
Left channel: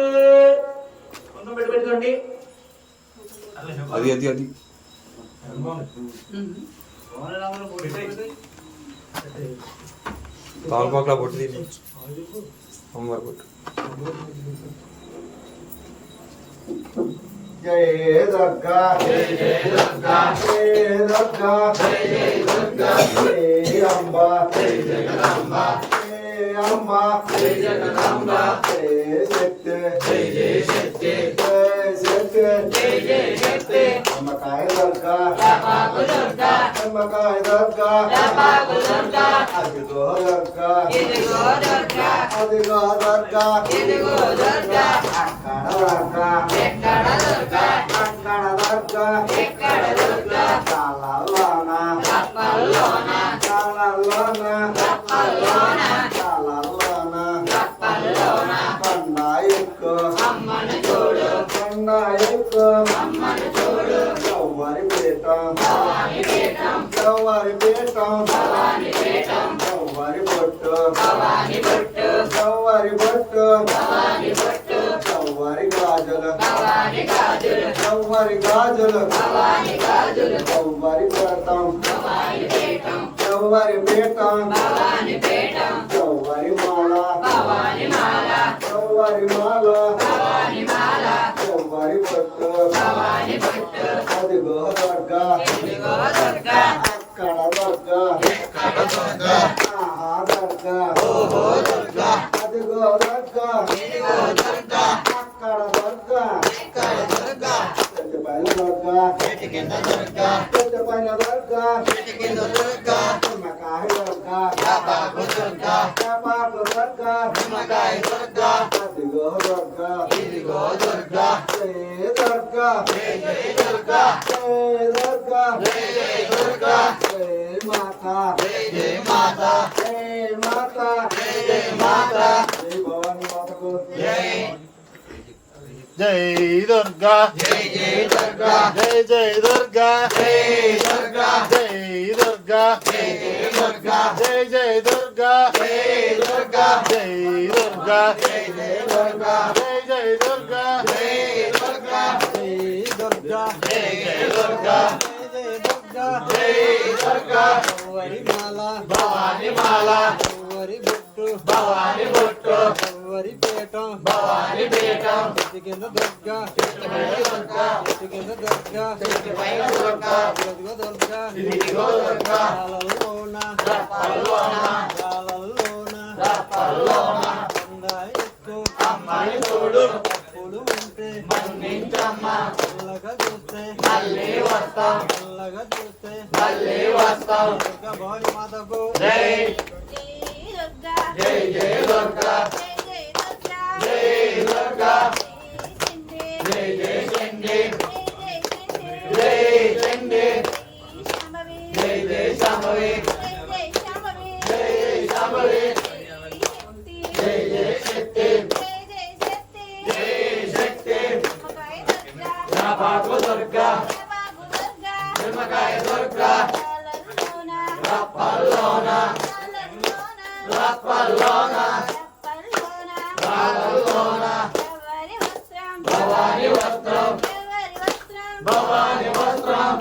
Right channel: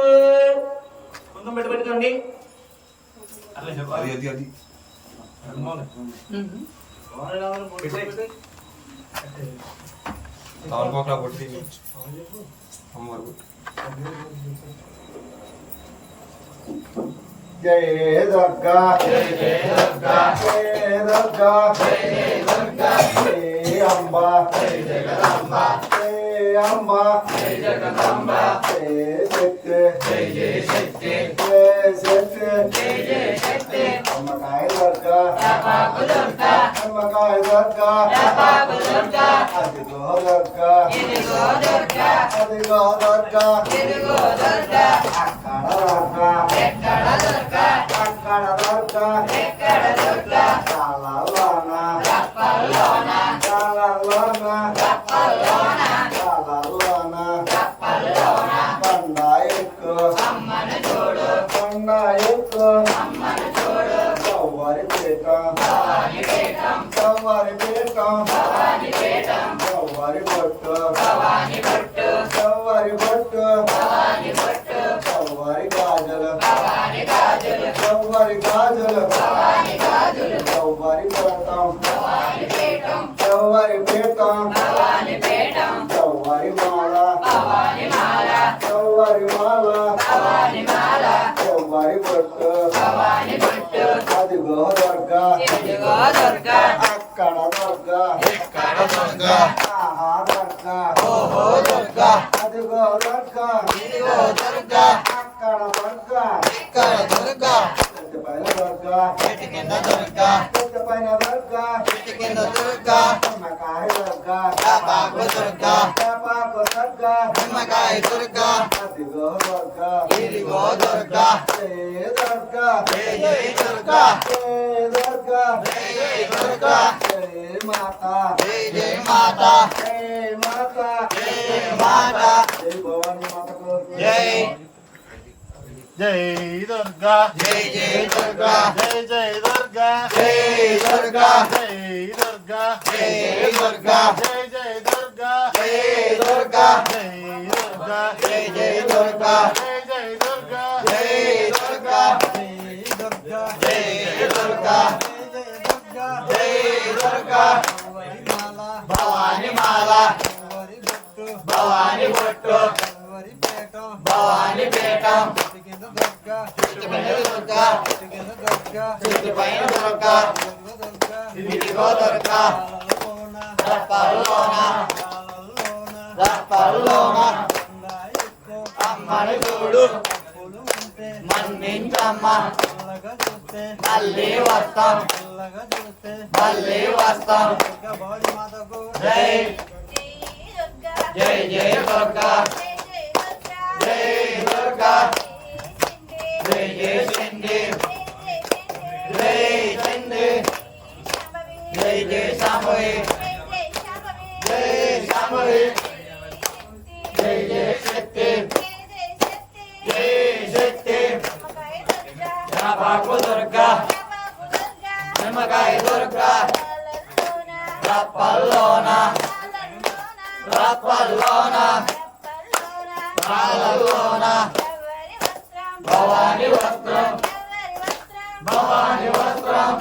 కొంచెం పెట్టుకోండి అది తాల్పాక పొట్టి అమ్మవారి పొట్టు జై దుర్గా జై దుర్గా జై దుర్గా జై దుర్గా జై అంబా జై జగదంబ జై అంబా జై జగదంబ జై శక్తి జై జై శక్తి జై శక్తి జై జై శక్తి నమ్మకాయ దుర్గా నమ్మకు దుర్గా నమ్మకాయ దుర్గా నమ్మకు దుర్గా అదిగో దుర్గా ఇదిగో దుర్గా అదిగో దుర్గా ఇదిగో దుర్గా అక్కడ దుర్గా ఎక్కడ దుర్గా అక్కడ దుర్గా ఎక్కడ దుర్గా కాలలోన కప్పల్లోన కాలలోన కప్పల్లోన కాలలోన కప్పల్లోన పండాయకు అమ్మను చూడు పండాయకు అమ్మను చూడు గౌవరి పీఠం భవాని పీఠం గౌవరి పీఠం భవాని పీఠం గౌవరి బొట్టు భవాని బొట్టు గౌవరి బొట్టు భవాని బొట్టు గౌవరి గాజులు భవాని గాజులు గౌవరి గాజులు భవాని గాజులు గౌవరి పీఠం భవాని పీఠం గౌవరి పీఠం భవాని పీఠం గౌవరి మాల భవాని మాల గౌవరి మాల భవాని మాల గౌవరి బొట్టు భవాని బొట్టు అదిగో దుర్గా ఇదిగో దుర్గా అక్కడ దుర్గా ఎక్కడ దుర్గా ఆహా దుర్గా ఓహో దుర్గా అదిగో దుర్గా ఇదిగో దుర్గా అక్కడ దుర్గా ఎక్కడ దుర్గా చెట్టుపైన దుర్గా చెట్టు కింద దుర్గా చెట్టుపైన దుర్గా చెట్టు కింద దుర్గా నిమ్మకాయ దుర్గా వేపాకు దుర్గా వేపాకు దుర్గా నిమ్మకాయ దుర్గా అదిగో దుర్గా ఇదిగో దుర్గా జై దుర్గా జై జై దుర్గా జై దుర్గా జై జై దుర్గా జై మాతా జై జై మాతా జై మాతా జై జై మాతా జై భవాని మాతకు జై జై దుర్గా జై జై దుర్గా జై జై దుర్గా జై దుర్గా జై దుర్గా దుర్గా జై దుర్గా జై జై దుర్గా జై దుర్గా జై దుర్గా జై జై దుర్గా జై జై దుర్గా జై దుర్గా జై దుర్గా జై దుర్గా జై దుర్గా భవాని మాల భవాని బొట్టు భవాని పీఠం దుర్గా పైన దుర్గా ఇదిగో దుర్గా అమ్మని చూడు మన్నించమ్మ మళ్ళీ వస్తాం మళ్ళీ వస్తాం జై జై జై దుర్గా జై దుర్గా జై జై చండి జై చండి జై జై శాంభవి జై శాంభవి జై జై శక్తి జై శక్తి జపాకు దుర్గా నిమ్మకాయ దుర్గా రప్పల్లోన రప్పల్లోన రాలలోన భవాని వస్త్రం భవాని వస్త్రం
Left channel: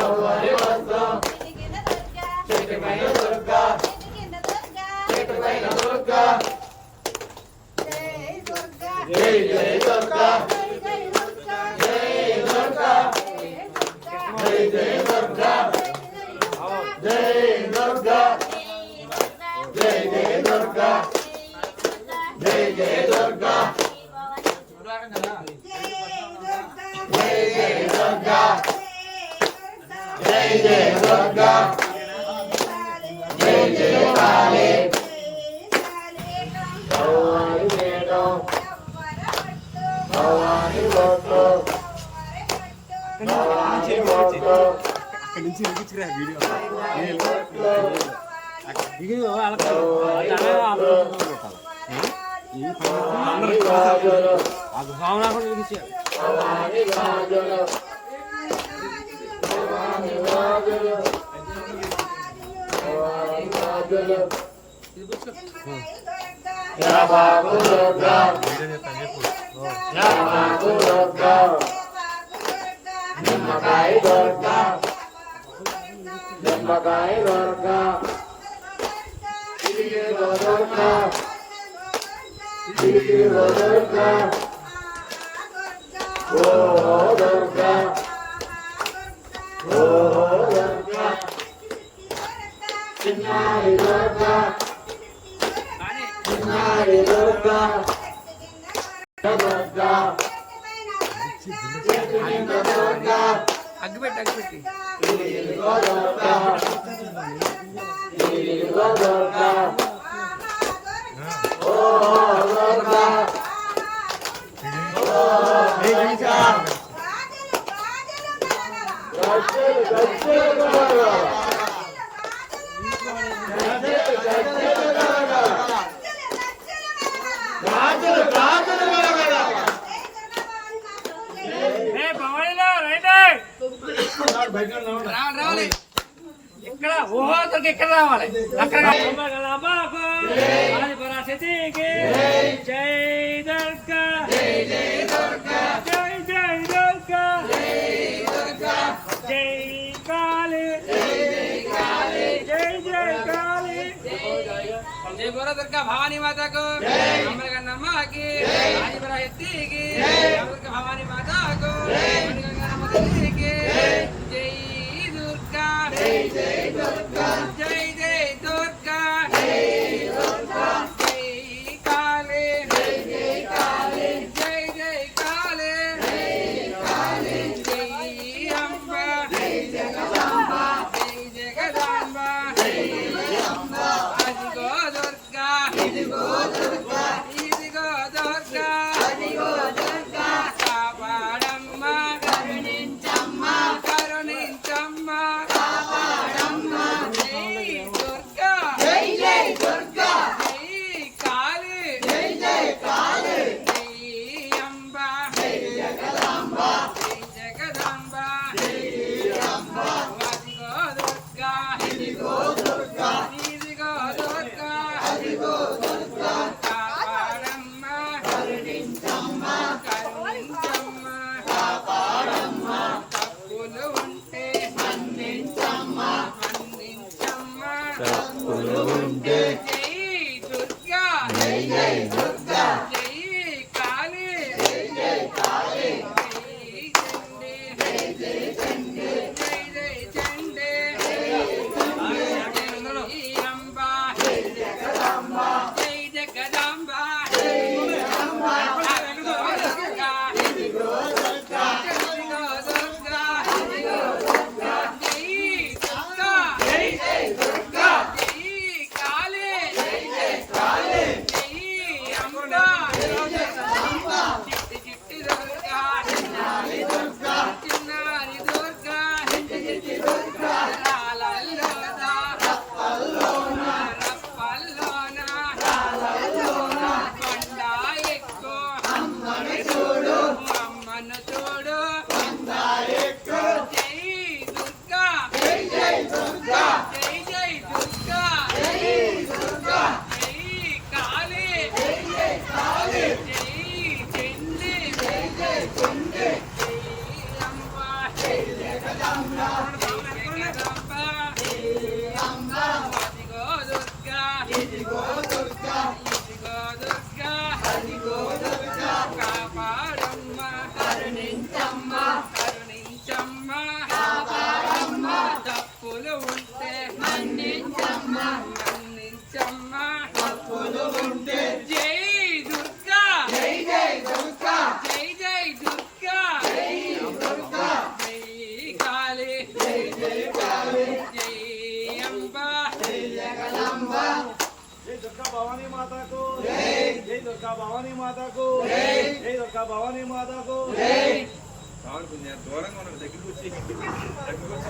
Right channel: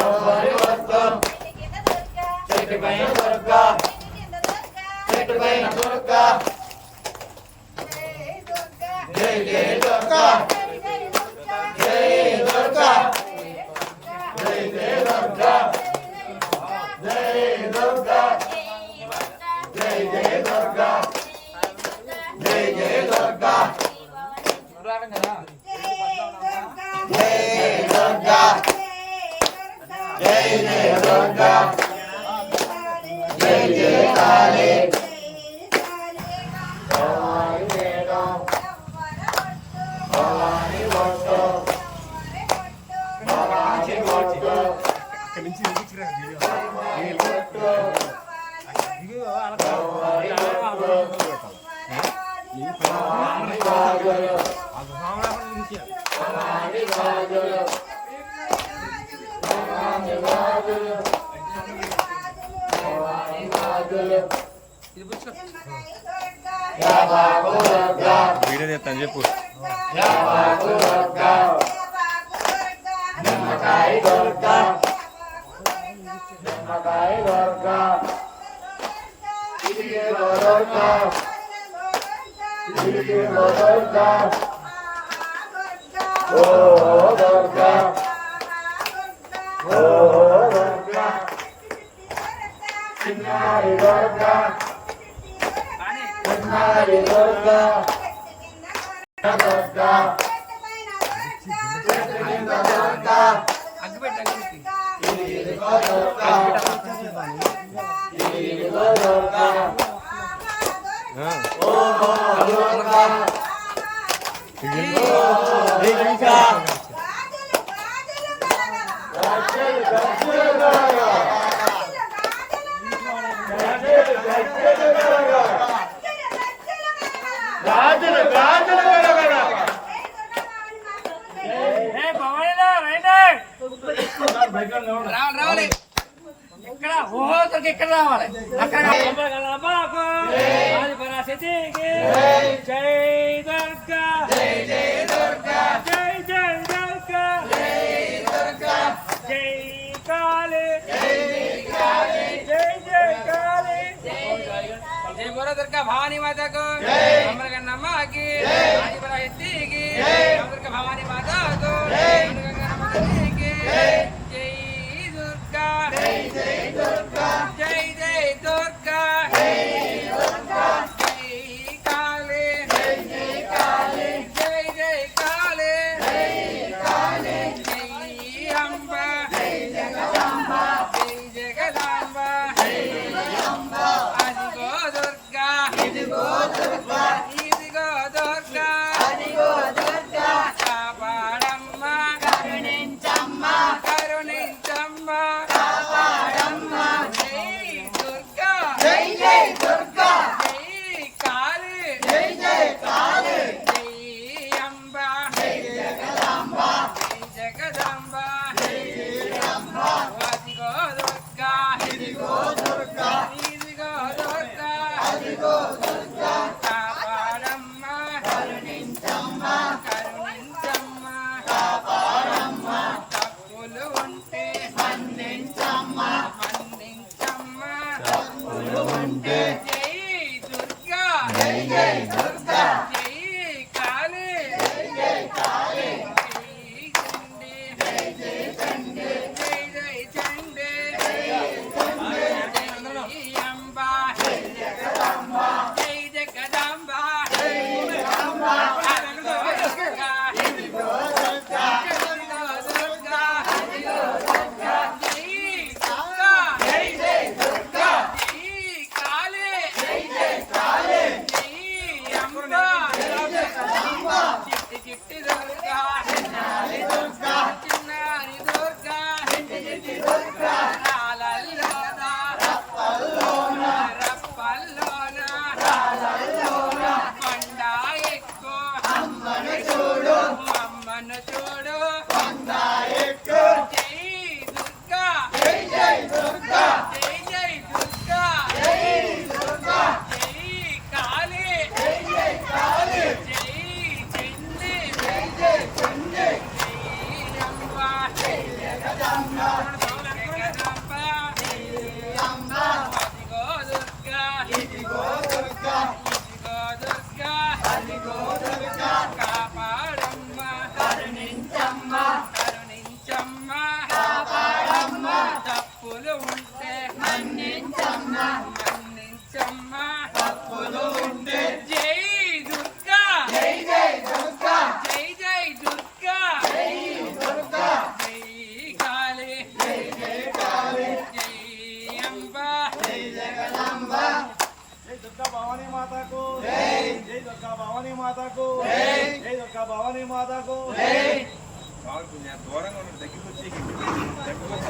ఎవరి వస్త్రం చెట్టుపైన దుర్గా చెట్టుపైన దుర్గా జై జై దుర్గా జై దుర్గా జై జై దుర్గా జై దుర్గా జై జై దుర్గా జై జై దుర్గా జై దుర్గా జై జై దుర్గా జై జై కాళీ భవాని మేడం భవాని బొట్టు భవాని బొట్టు భవాని గాజులు భవాని గాజులు భవాని గాజులు భవాని గాజులు యా బాబు దుర్గా యా బాబు దుర్గా నిమ్మకాయ దుర్గా నిమ్మకాయ దుర్గా ఇదిగో దుర్గా ఇదిగో దుర్గా ఓ దుర్గా ఓ దుర్గా చిన్నారి దుర్గా చిన్నారి దుర్గా దుర్గా దుర్గా ఇదిగో దుర్గా ఇదిగో దుర్గా ఓ దుర్గా గాజులు గాజులు రావాలి ఇక్కడ ఊహోతకి ఇక్కడ రావాలి అక్కడ అమ్మాకు ఆది పరాశక్తికి జై దుర్గా జై జై దుర్గా జై జై దుర్గా జై దుర్గా జై కాళీ జై కాళీ జై జై కాళీ జై బోలో దుర్గా భవానీ మాతకు అమ్మకి ఆది పరాశక్తికి దుర్గా భవానీ మాతకు గంగమ్మ తల్లికి జై దుర్గా జై జై దుర్గా జై జై దుర్గా జై దుర్గా జై కాళీ జై జై కాళీ జై జై కాళీ జై కాళీ జై అంబ జై జగదాంబ జై జగదాంబ జై అంబ అదిగో దుర్గా ఇదిగో దుర్గా ఇదిగో దుర్గా అదిగో దుర్గా కాపాడమ్మ కరుణించమ్మ కరుణించమ్మ కాపాడమ్మ జై దుర్గా జై జై దుర్గా జై కాళీ జై జై కాళీ జై అంబ జై జగదాంబ జై జగదాంబ జై అంబ అదిగో దుర్గా జై జై దుర్గా జై కాళీ జై కాళీ జై చండి జై జై చండి జై అంబ జై జగదంబ జై జగదంబ ఇదిగో దుర్గా ఇదిగో దుర్గా జై దుర్గా జై జై దుర్గా జై కాళీ జై జై కాళీ జై అంబ జై జగదంబ చిట్టి చిట్టి దుర్గా చిన్నారి దుర్గా చిన్నారి దుర్గా చిట్టి చిట్టి దుర్గా రాలల్లోన రప్పల్లోన రప్పల్లోన రాలల్లోన కొండ ఎక్కు అమ్మను చూడు అమ్మను చూడు కొండ ఎక్కు జై దుర్గా జై జై దుర్గా జై జై దుర్గా జై దుర్గా జై కాళీ జై జై కాళీ జై చండి జై జై చండి జై అంబ జై జగదంబ జగదంబ అంబ అదిగో దుర్గా ఇదిగో దుర్గా ఇదిగో దుర్గా అదిగో దుర్గా కాపాడమ్మ కరుణించమ్మ కరుణించమ్మ కాపాడమ్మ తప్పులు ఉంటే మన్నించమ్మ మన్నించమ్మ తప్పులు ఉంటే జై దుర్గా జై జై దుర్గా జై జై దుర్గా జై దుర్గా జై కాళీ జై జై కాళీ జై అంబ జై జగదంబ జై దుర్గా భవానీ మాతాకు జై జై దుర్గా భవానీ మాతాకు జై జై దుర్గా భవానీ మాతాకు జై కావాలి కొంచెం దూరంగా ఉన్నాడు దగ్గరికి వచ్చి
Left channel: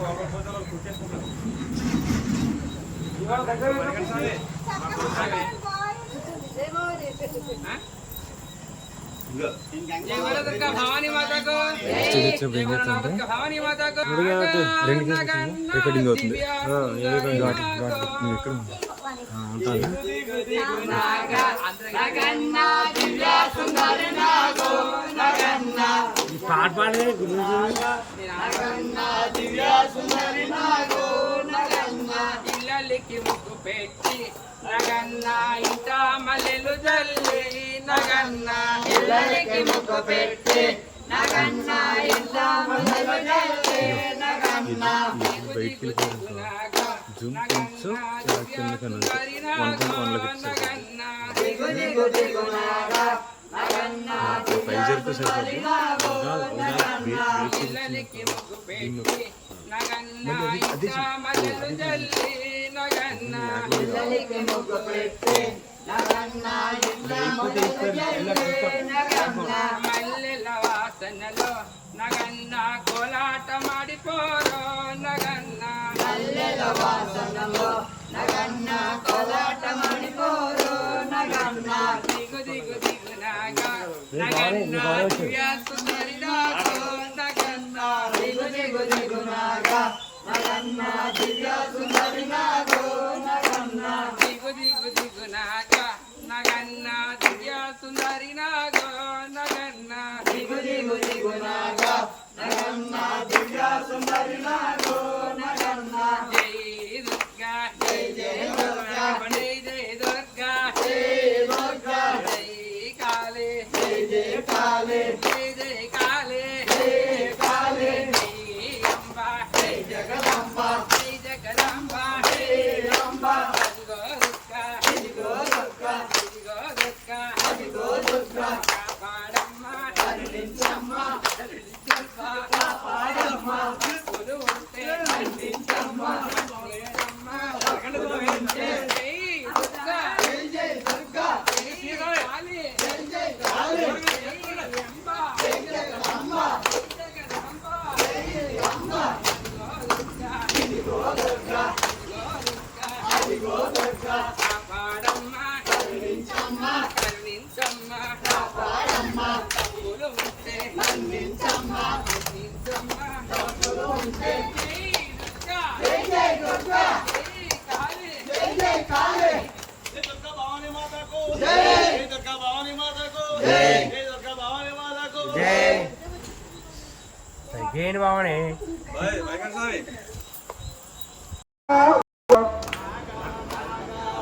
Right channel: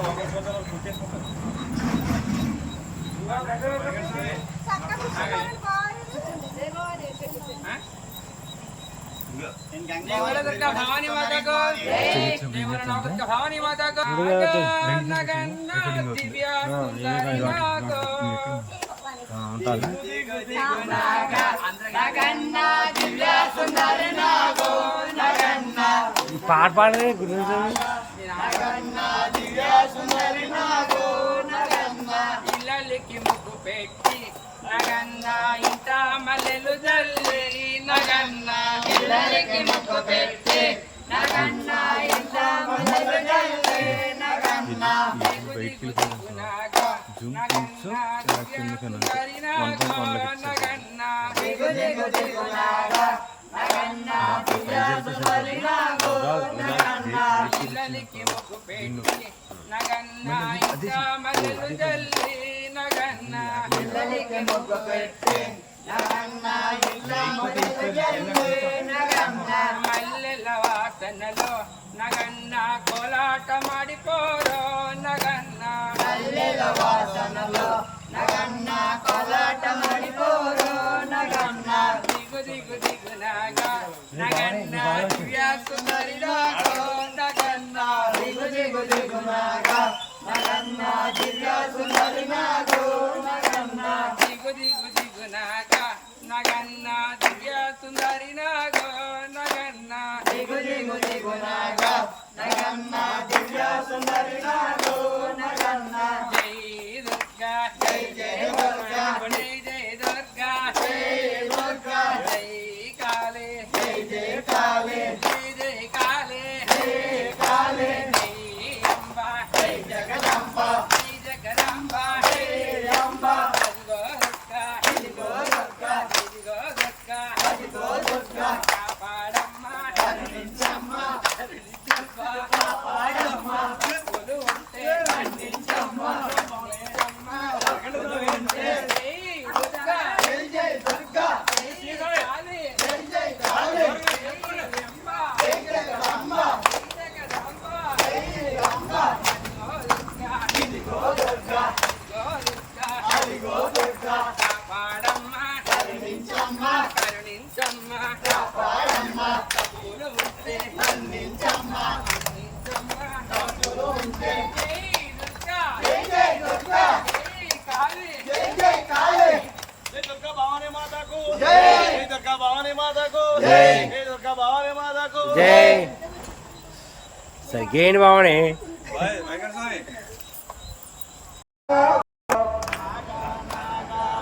ఒకరి పోతే కుట్టేసుకుంటారు జై బోలో దుర్గా భవానీ మాతాకు జై బోలో నవదుర్గా భవానీ మాతాకు నగన్న దివ్య సుందరి మాకు నగన్న దివ్య సుందరి నాగో నగన్న పాట పాడలే గురించి నగన్న దివ్య సుందరి నాగో నగన్న ఇళ్ళకి ముగ్గు పెట్టి నగన్న ఇంట మల్లెలు జల్లి నగన్న పిల్లలకి ముక్కు పెట్టి నగన్న ఇంత మొదలు జల్లి నగన్న బయటికి జూమ్ కొంచెం ఇలా కిందకన్నా 1.1 లోకి దిగు దిగు దిగు నాగా నగన్న దివ్య సుందరి నాగో నగన్న పిల్లలకి ముగ్గు పెట్టి నగన్న ఇంట మల్లెలు జల్లి నగన్న పిల్లలకి ముగ్గు పెట్టి నగన్న ఇంత మొదలు జల్లి నగన్న మల్లెల వాసనలో నగన్న కోలాట మాడిపోరో నగన్న మల్లెల వాసనలో నగన్న కోలాట మడిపోరు నగన్న దిగు దిగు దిగు నాగా నగన్న దివ్య సుందరి నాగో నగన్న దిగు దిగు దిగు నాగా నగన్న దివ్య సుందరి నాగో నగన్న దిగు దిగు దిగు నాగా నగన్న దివ్య సుందరి నాగో నగన్న దిగు దిగు దిగు నాగా నగన్న దివ్య సుందరి నాగో నగన్న జై దుర్గా జై జై దుర్గా జై జై దుర్గా జై దుర్గా జై కాళీ జై జై కాళీ జై జై కాళీ జై కాళీ జై అంబ జై జగదంబ జై జగదంబ జై అంబ అదిగో దుర్గా ఇదిగో దుర్గా ఇదిగో దుర్గా అదిగో దుర్గా కాపాడమ్మ కరుణించమ్మ కరుణించమ్మ కాపాడమ్మ తప్పులు ఉంటే మన్నించమ్మ మన్నించమ్మ ఉంటే జై దుర్గా జై జై దుర్గా జై కాళీ జై జై కాళీ జై అంబ జై జగదంబ జై జగదంబ జై అంబ అదిగో దుర్గా ఇదిగో దుర్గా ఇదిగో దుర్గా అదిగో దుర్గా కాపాడమ్మ కరుణించమ్మ కరుణించమ్మ కాపాడమ్మ తప్పులు ఉంటే మన్నించమ్మ మన్నించమ్మ తప్పులు ఉంటే జై దుర్గా జై జై దుర్గా జై కాళీ జై జై కాళీ జై దుర్గా భవానీ మాతాకు జై జై దుర్గా భవానీ మాతాకు జై జై దుర్గా భవానీ మాతాకు సరిగేంటి బావనే వెంకట స్వామి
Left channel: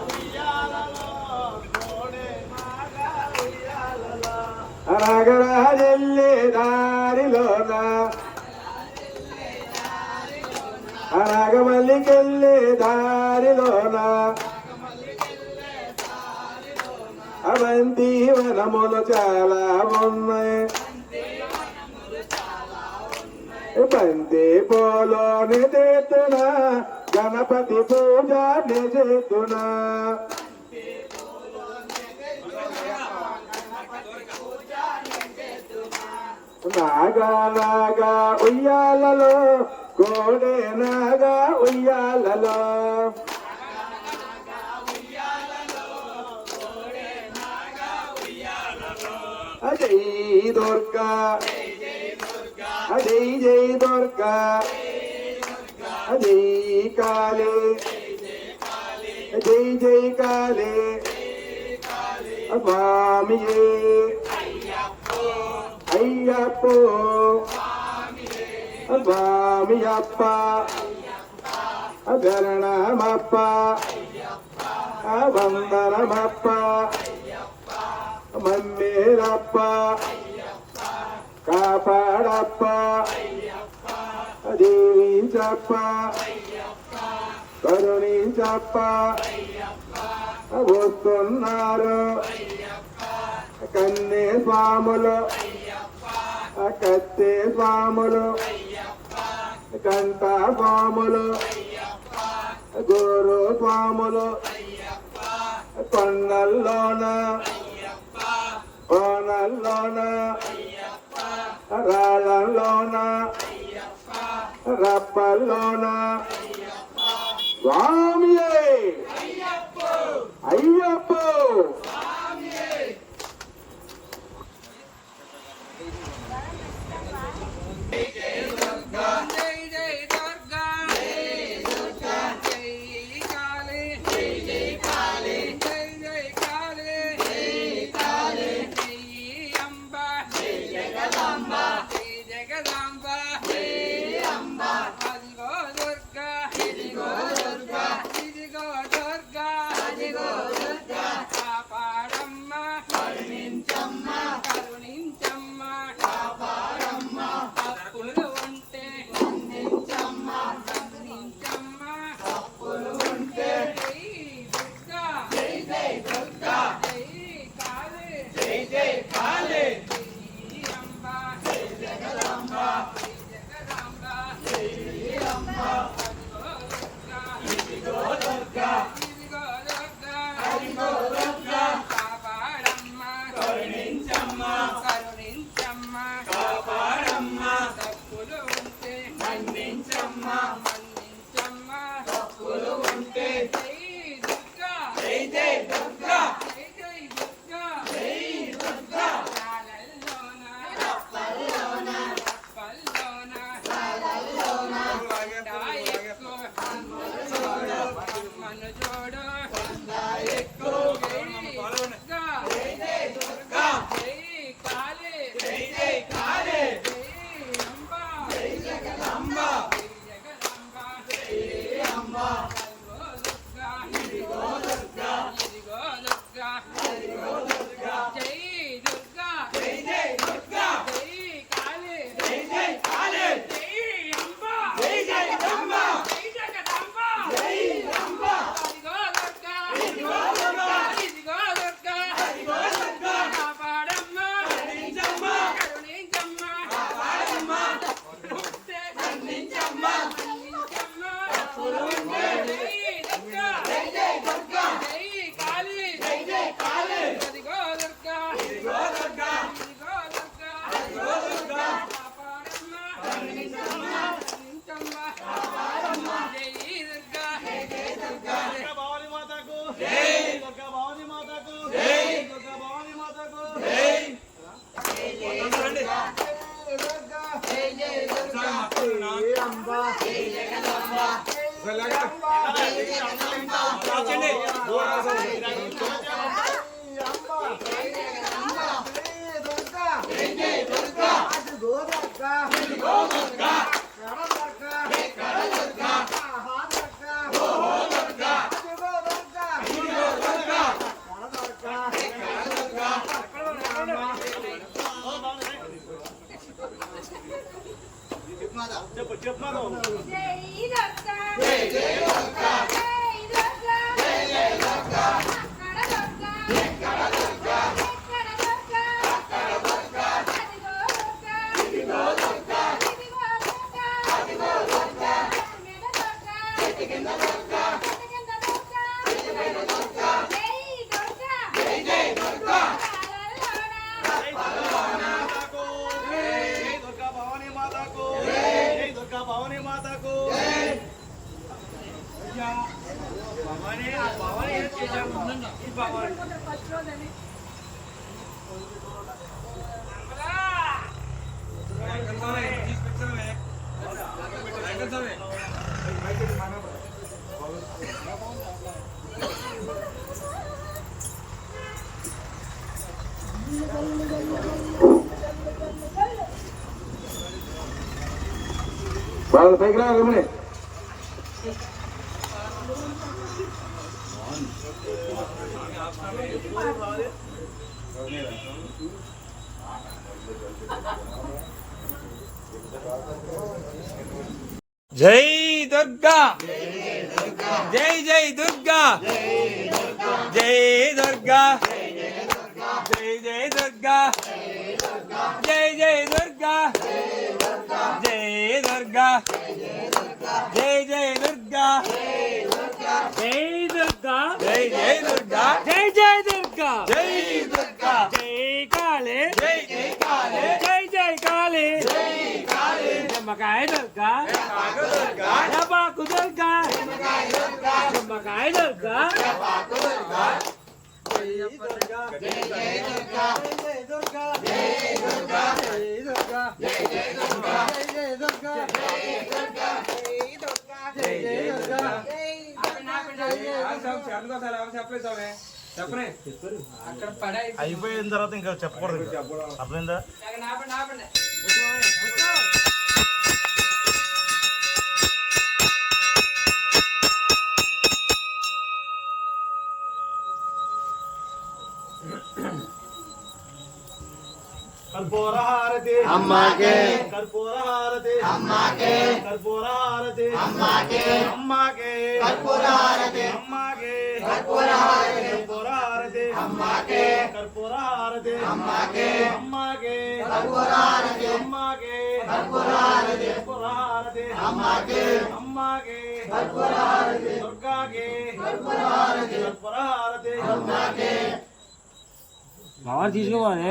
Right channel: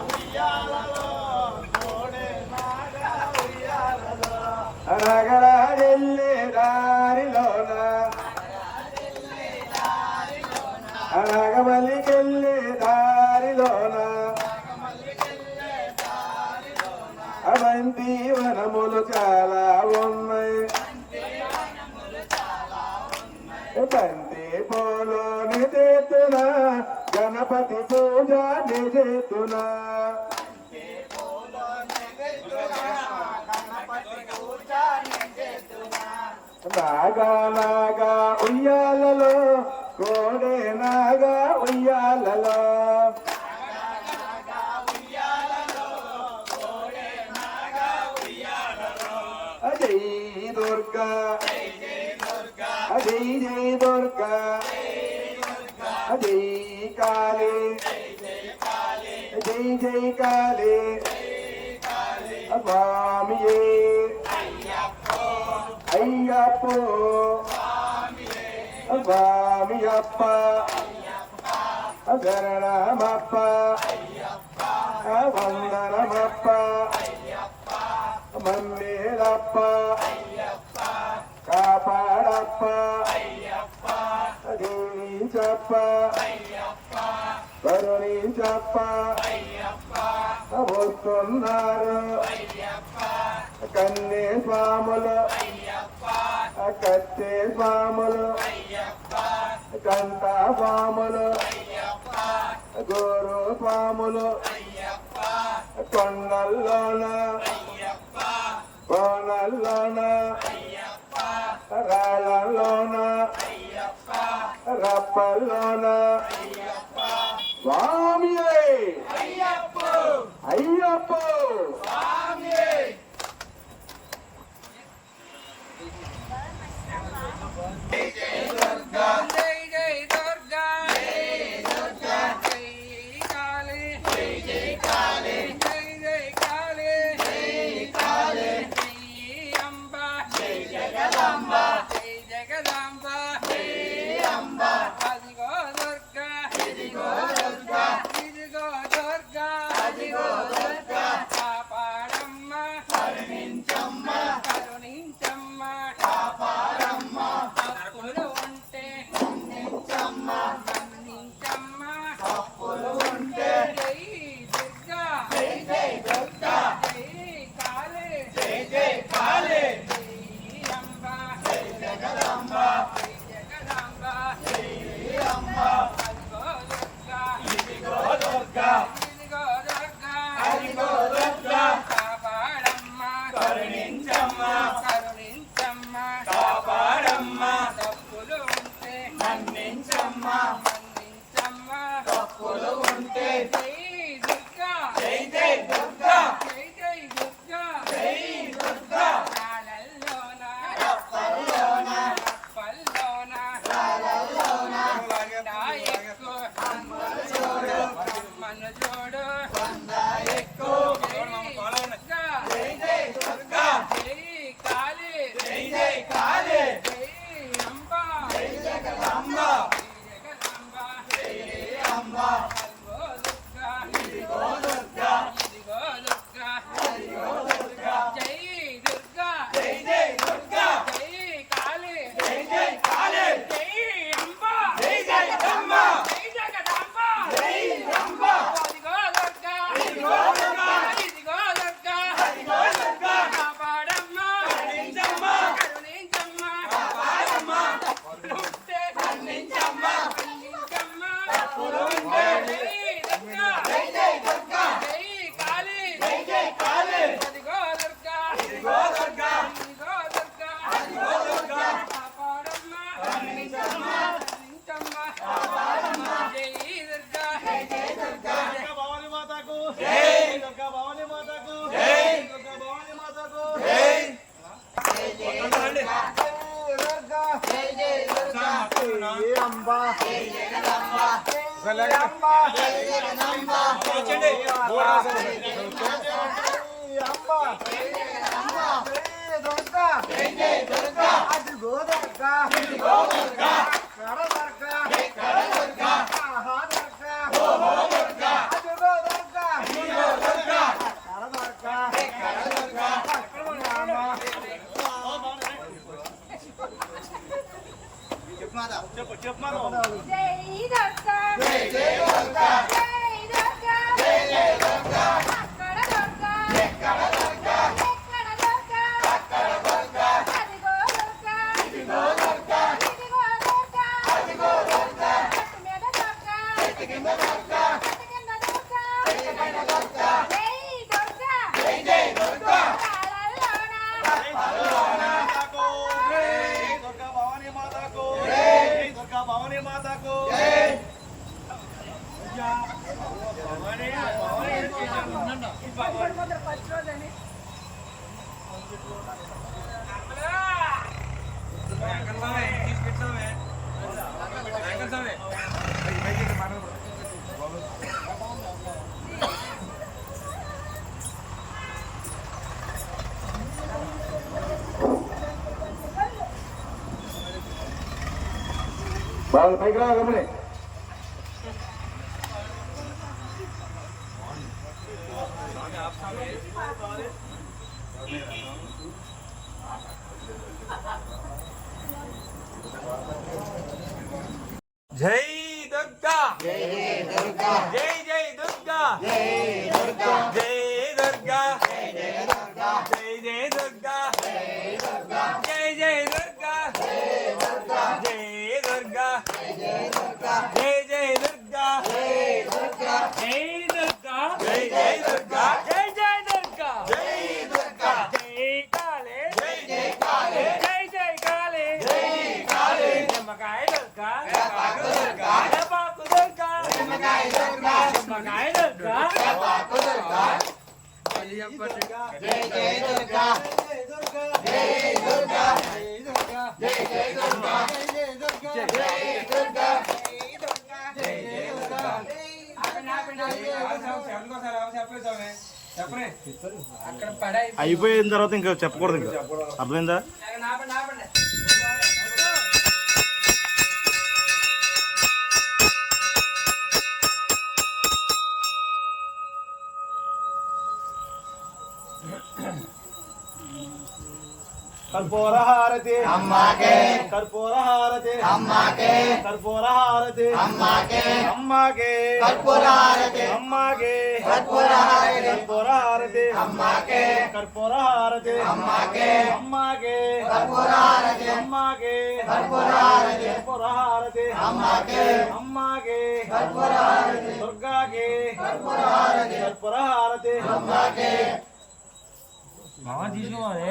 ఉయ్యాలలో కోడే అనగడాజెల్లే దారిలోన అనగమల్లికెళ్ళే దారిలోన అవంతి వనములు చాలా ఉన్నాయి బంతి పోలో నిజేతున గణపతి పూజ నిజేతున నాగా నాగా ఉయ్యాలలో కోడే నాగా ఉయ్యాలలో జై దుర్గా జై జై దుర్గా జై కాళీ జై జై కాళీ స్వామియే అయ్యప్పో స్వామియప్ప గరణమప్ప వందనమప్ప మన్నేరప్ప కాపాడప్ప దీవించప్ప కరుణించప్ప వస్తున్నారు కన్నే స్వాములు కత్తే స్వాములు కంట స్వాములు గురు స్వాములు కొండల్లోన కోనల్లోన రాళ్ళల్లోన రప్పల్లోన స్వామియే అయ్యప్ప జై జై దుర్గా జై కాళీ జై కాళీ జై జై కాళీ జై అంబ జై జగదాంబ జై జగదాంబ జై అంబ అదిగో దుర్గా ఇదిగో దుర్గా ఇదిగో దుర్గా అదిగో దుర్గా కాపాడమ్మ కరుణించమ్మ కరుణించమ్మ కాపాడమ్మ తప్పులు ఉంటే మన్నించమ్మ మన్నించమ్మ తప్పులు ఉంటే జై దుర్గా జై జై దుర్గా జై కాళీ జై జై కాళీ జై అంబ జై జగదాంబ జై జగదాంబ జై అంబ అదిగో దుర్గా ఇదిగో దుర్గా అదిగో దుర్గా కాపాడమ్మ కరుణించమ్మ కరుణించమ్మ కాపాడమ్మ తప్పులు ఉంటే మన్నించమ్మ మన్నించమ్మ తప్పులు ఉంటే జై దుర్గా జై జై దుర్గా జై జై దుర్గా జై దుర్గా రాళ్ళల్లోన రప్పల్లోన రప్పల్లోన రాళ్ళల్లోన కొండ ఎక్కు అమ్మను చూడు కొండ ఎక్కు జై జై దుర్గా జై కాళీ జై జై కాళీ జై అంబ జై జగదాంబ జై జగదాంబ జై అంబ ఇదిగో దుర్గా ఇదిగో దుర్గా ఇదిగో దుర్గా జై దుర్గా జై జై దుర్గా జై కాళీ జై జై కాళీ జై అంబ జై జగదాంబ జై జగదాంబ జై అంబ ఇదిగో దుర్గా ఇదిగో దుర్గా ఇదిగో దుర్గా ఇదిగో దుర్గా కాపాడమ్మ కరుణించమ్మ కరుణించమ్మ కాపాడమ్మ తప్పులు ఉంటే మన్నించమ్మ మన్నించమ్మ తప్పులు ఉంటే జై జై దుర్గా జై కాళీ జై జై కాళీ అదిగో దుర్గా ఇదిగో దుర్గా ఇదిగో దుర్గా ఇదిగో దుర్గా కాపాడమ్మ కరుణించమ్మ కరుణించమ్మ కాపాడమ్మ జై దుర్గా జై జై దుర్గా భవానీ మాతకు జై దుర్గా భవానీ మాతకు జై దుర్గా భవానీ మాతకు జై దుర్గా చెప్పు చెప్పు మాకు. జై జై దుర్గా జై జై దుర్గా ఎక్కడ దుర్గా అక్కడ దుర్గా ఇదిగో దుర్గా అదిగో దుర్గా చెట్టు కింద దుర్గా జై జై దుర్గా జై దుర్గా భవానీ మాతాకు జై దుర్గా భవానీ మాతాకు భవానీ తీసి పెట్టామే వాళ్ళు పైకి రా గమని జై దుర్గా జై జై దుర్గా జై దుర్గా జై జై దుర్గా జై జై దుర్గా జై దుర్గా జై జై దుర్గా జై దుర్గా జై జై దుర్గా జై జై దుర్గా జై దుర్గా జై కాళీ జై జై కాళీ జై జై కాళీ జై కాళీ నిమ్మకాయ దుర్గా డబాకు దుర్గా నిమ్మకాయ దుర్గా నిమ్మకాయ దుర్గా డబాకు దుర్గా జై దుర్గా జై జై దుర్గా జై దుర్గా జై దుర్గా జై దుర్గా జై జై దుర్గా జై దుర్గా జై దుర్గా జై దుర్గా అక్కడ పడాయి అయిపోయిన తర్వాత ఇంకా చెప్పకూడదు ఇంకా. అర్థమైందా కర్పూర హారతి అమ్మాకే కర్పూర హారతి అమ్మాకే కర్పూర హారతి అమ్మాకే అమ్మాకే కర్పూర హారతి అమ్మాకే కర్పూర హారతి కర్పూర హారతి అమ్మాకే కర్పూర హారతి అమ్మాకే అమ్మాకే కర్పూర హారతి అమ్మాకే కర్పూర హారతి కర్పూర హారతి అమ్మాకే అమ్మాకే కర్పూర హారతి దుర్గాకే కర్పూర హారతి కర్పూర హారతి అమ్మాకే తీసుకోవాలి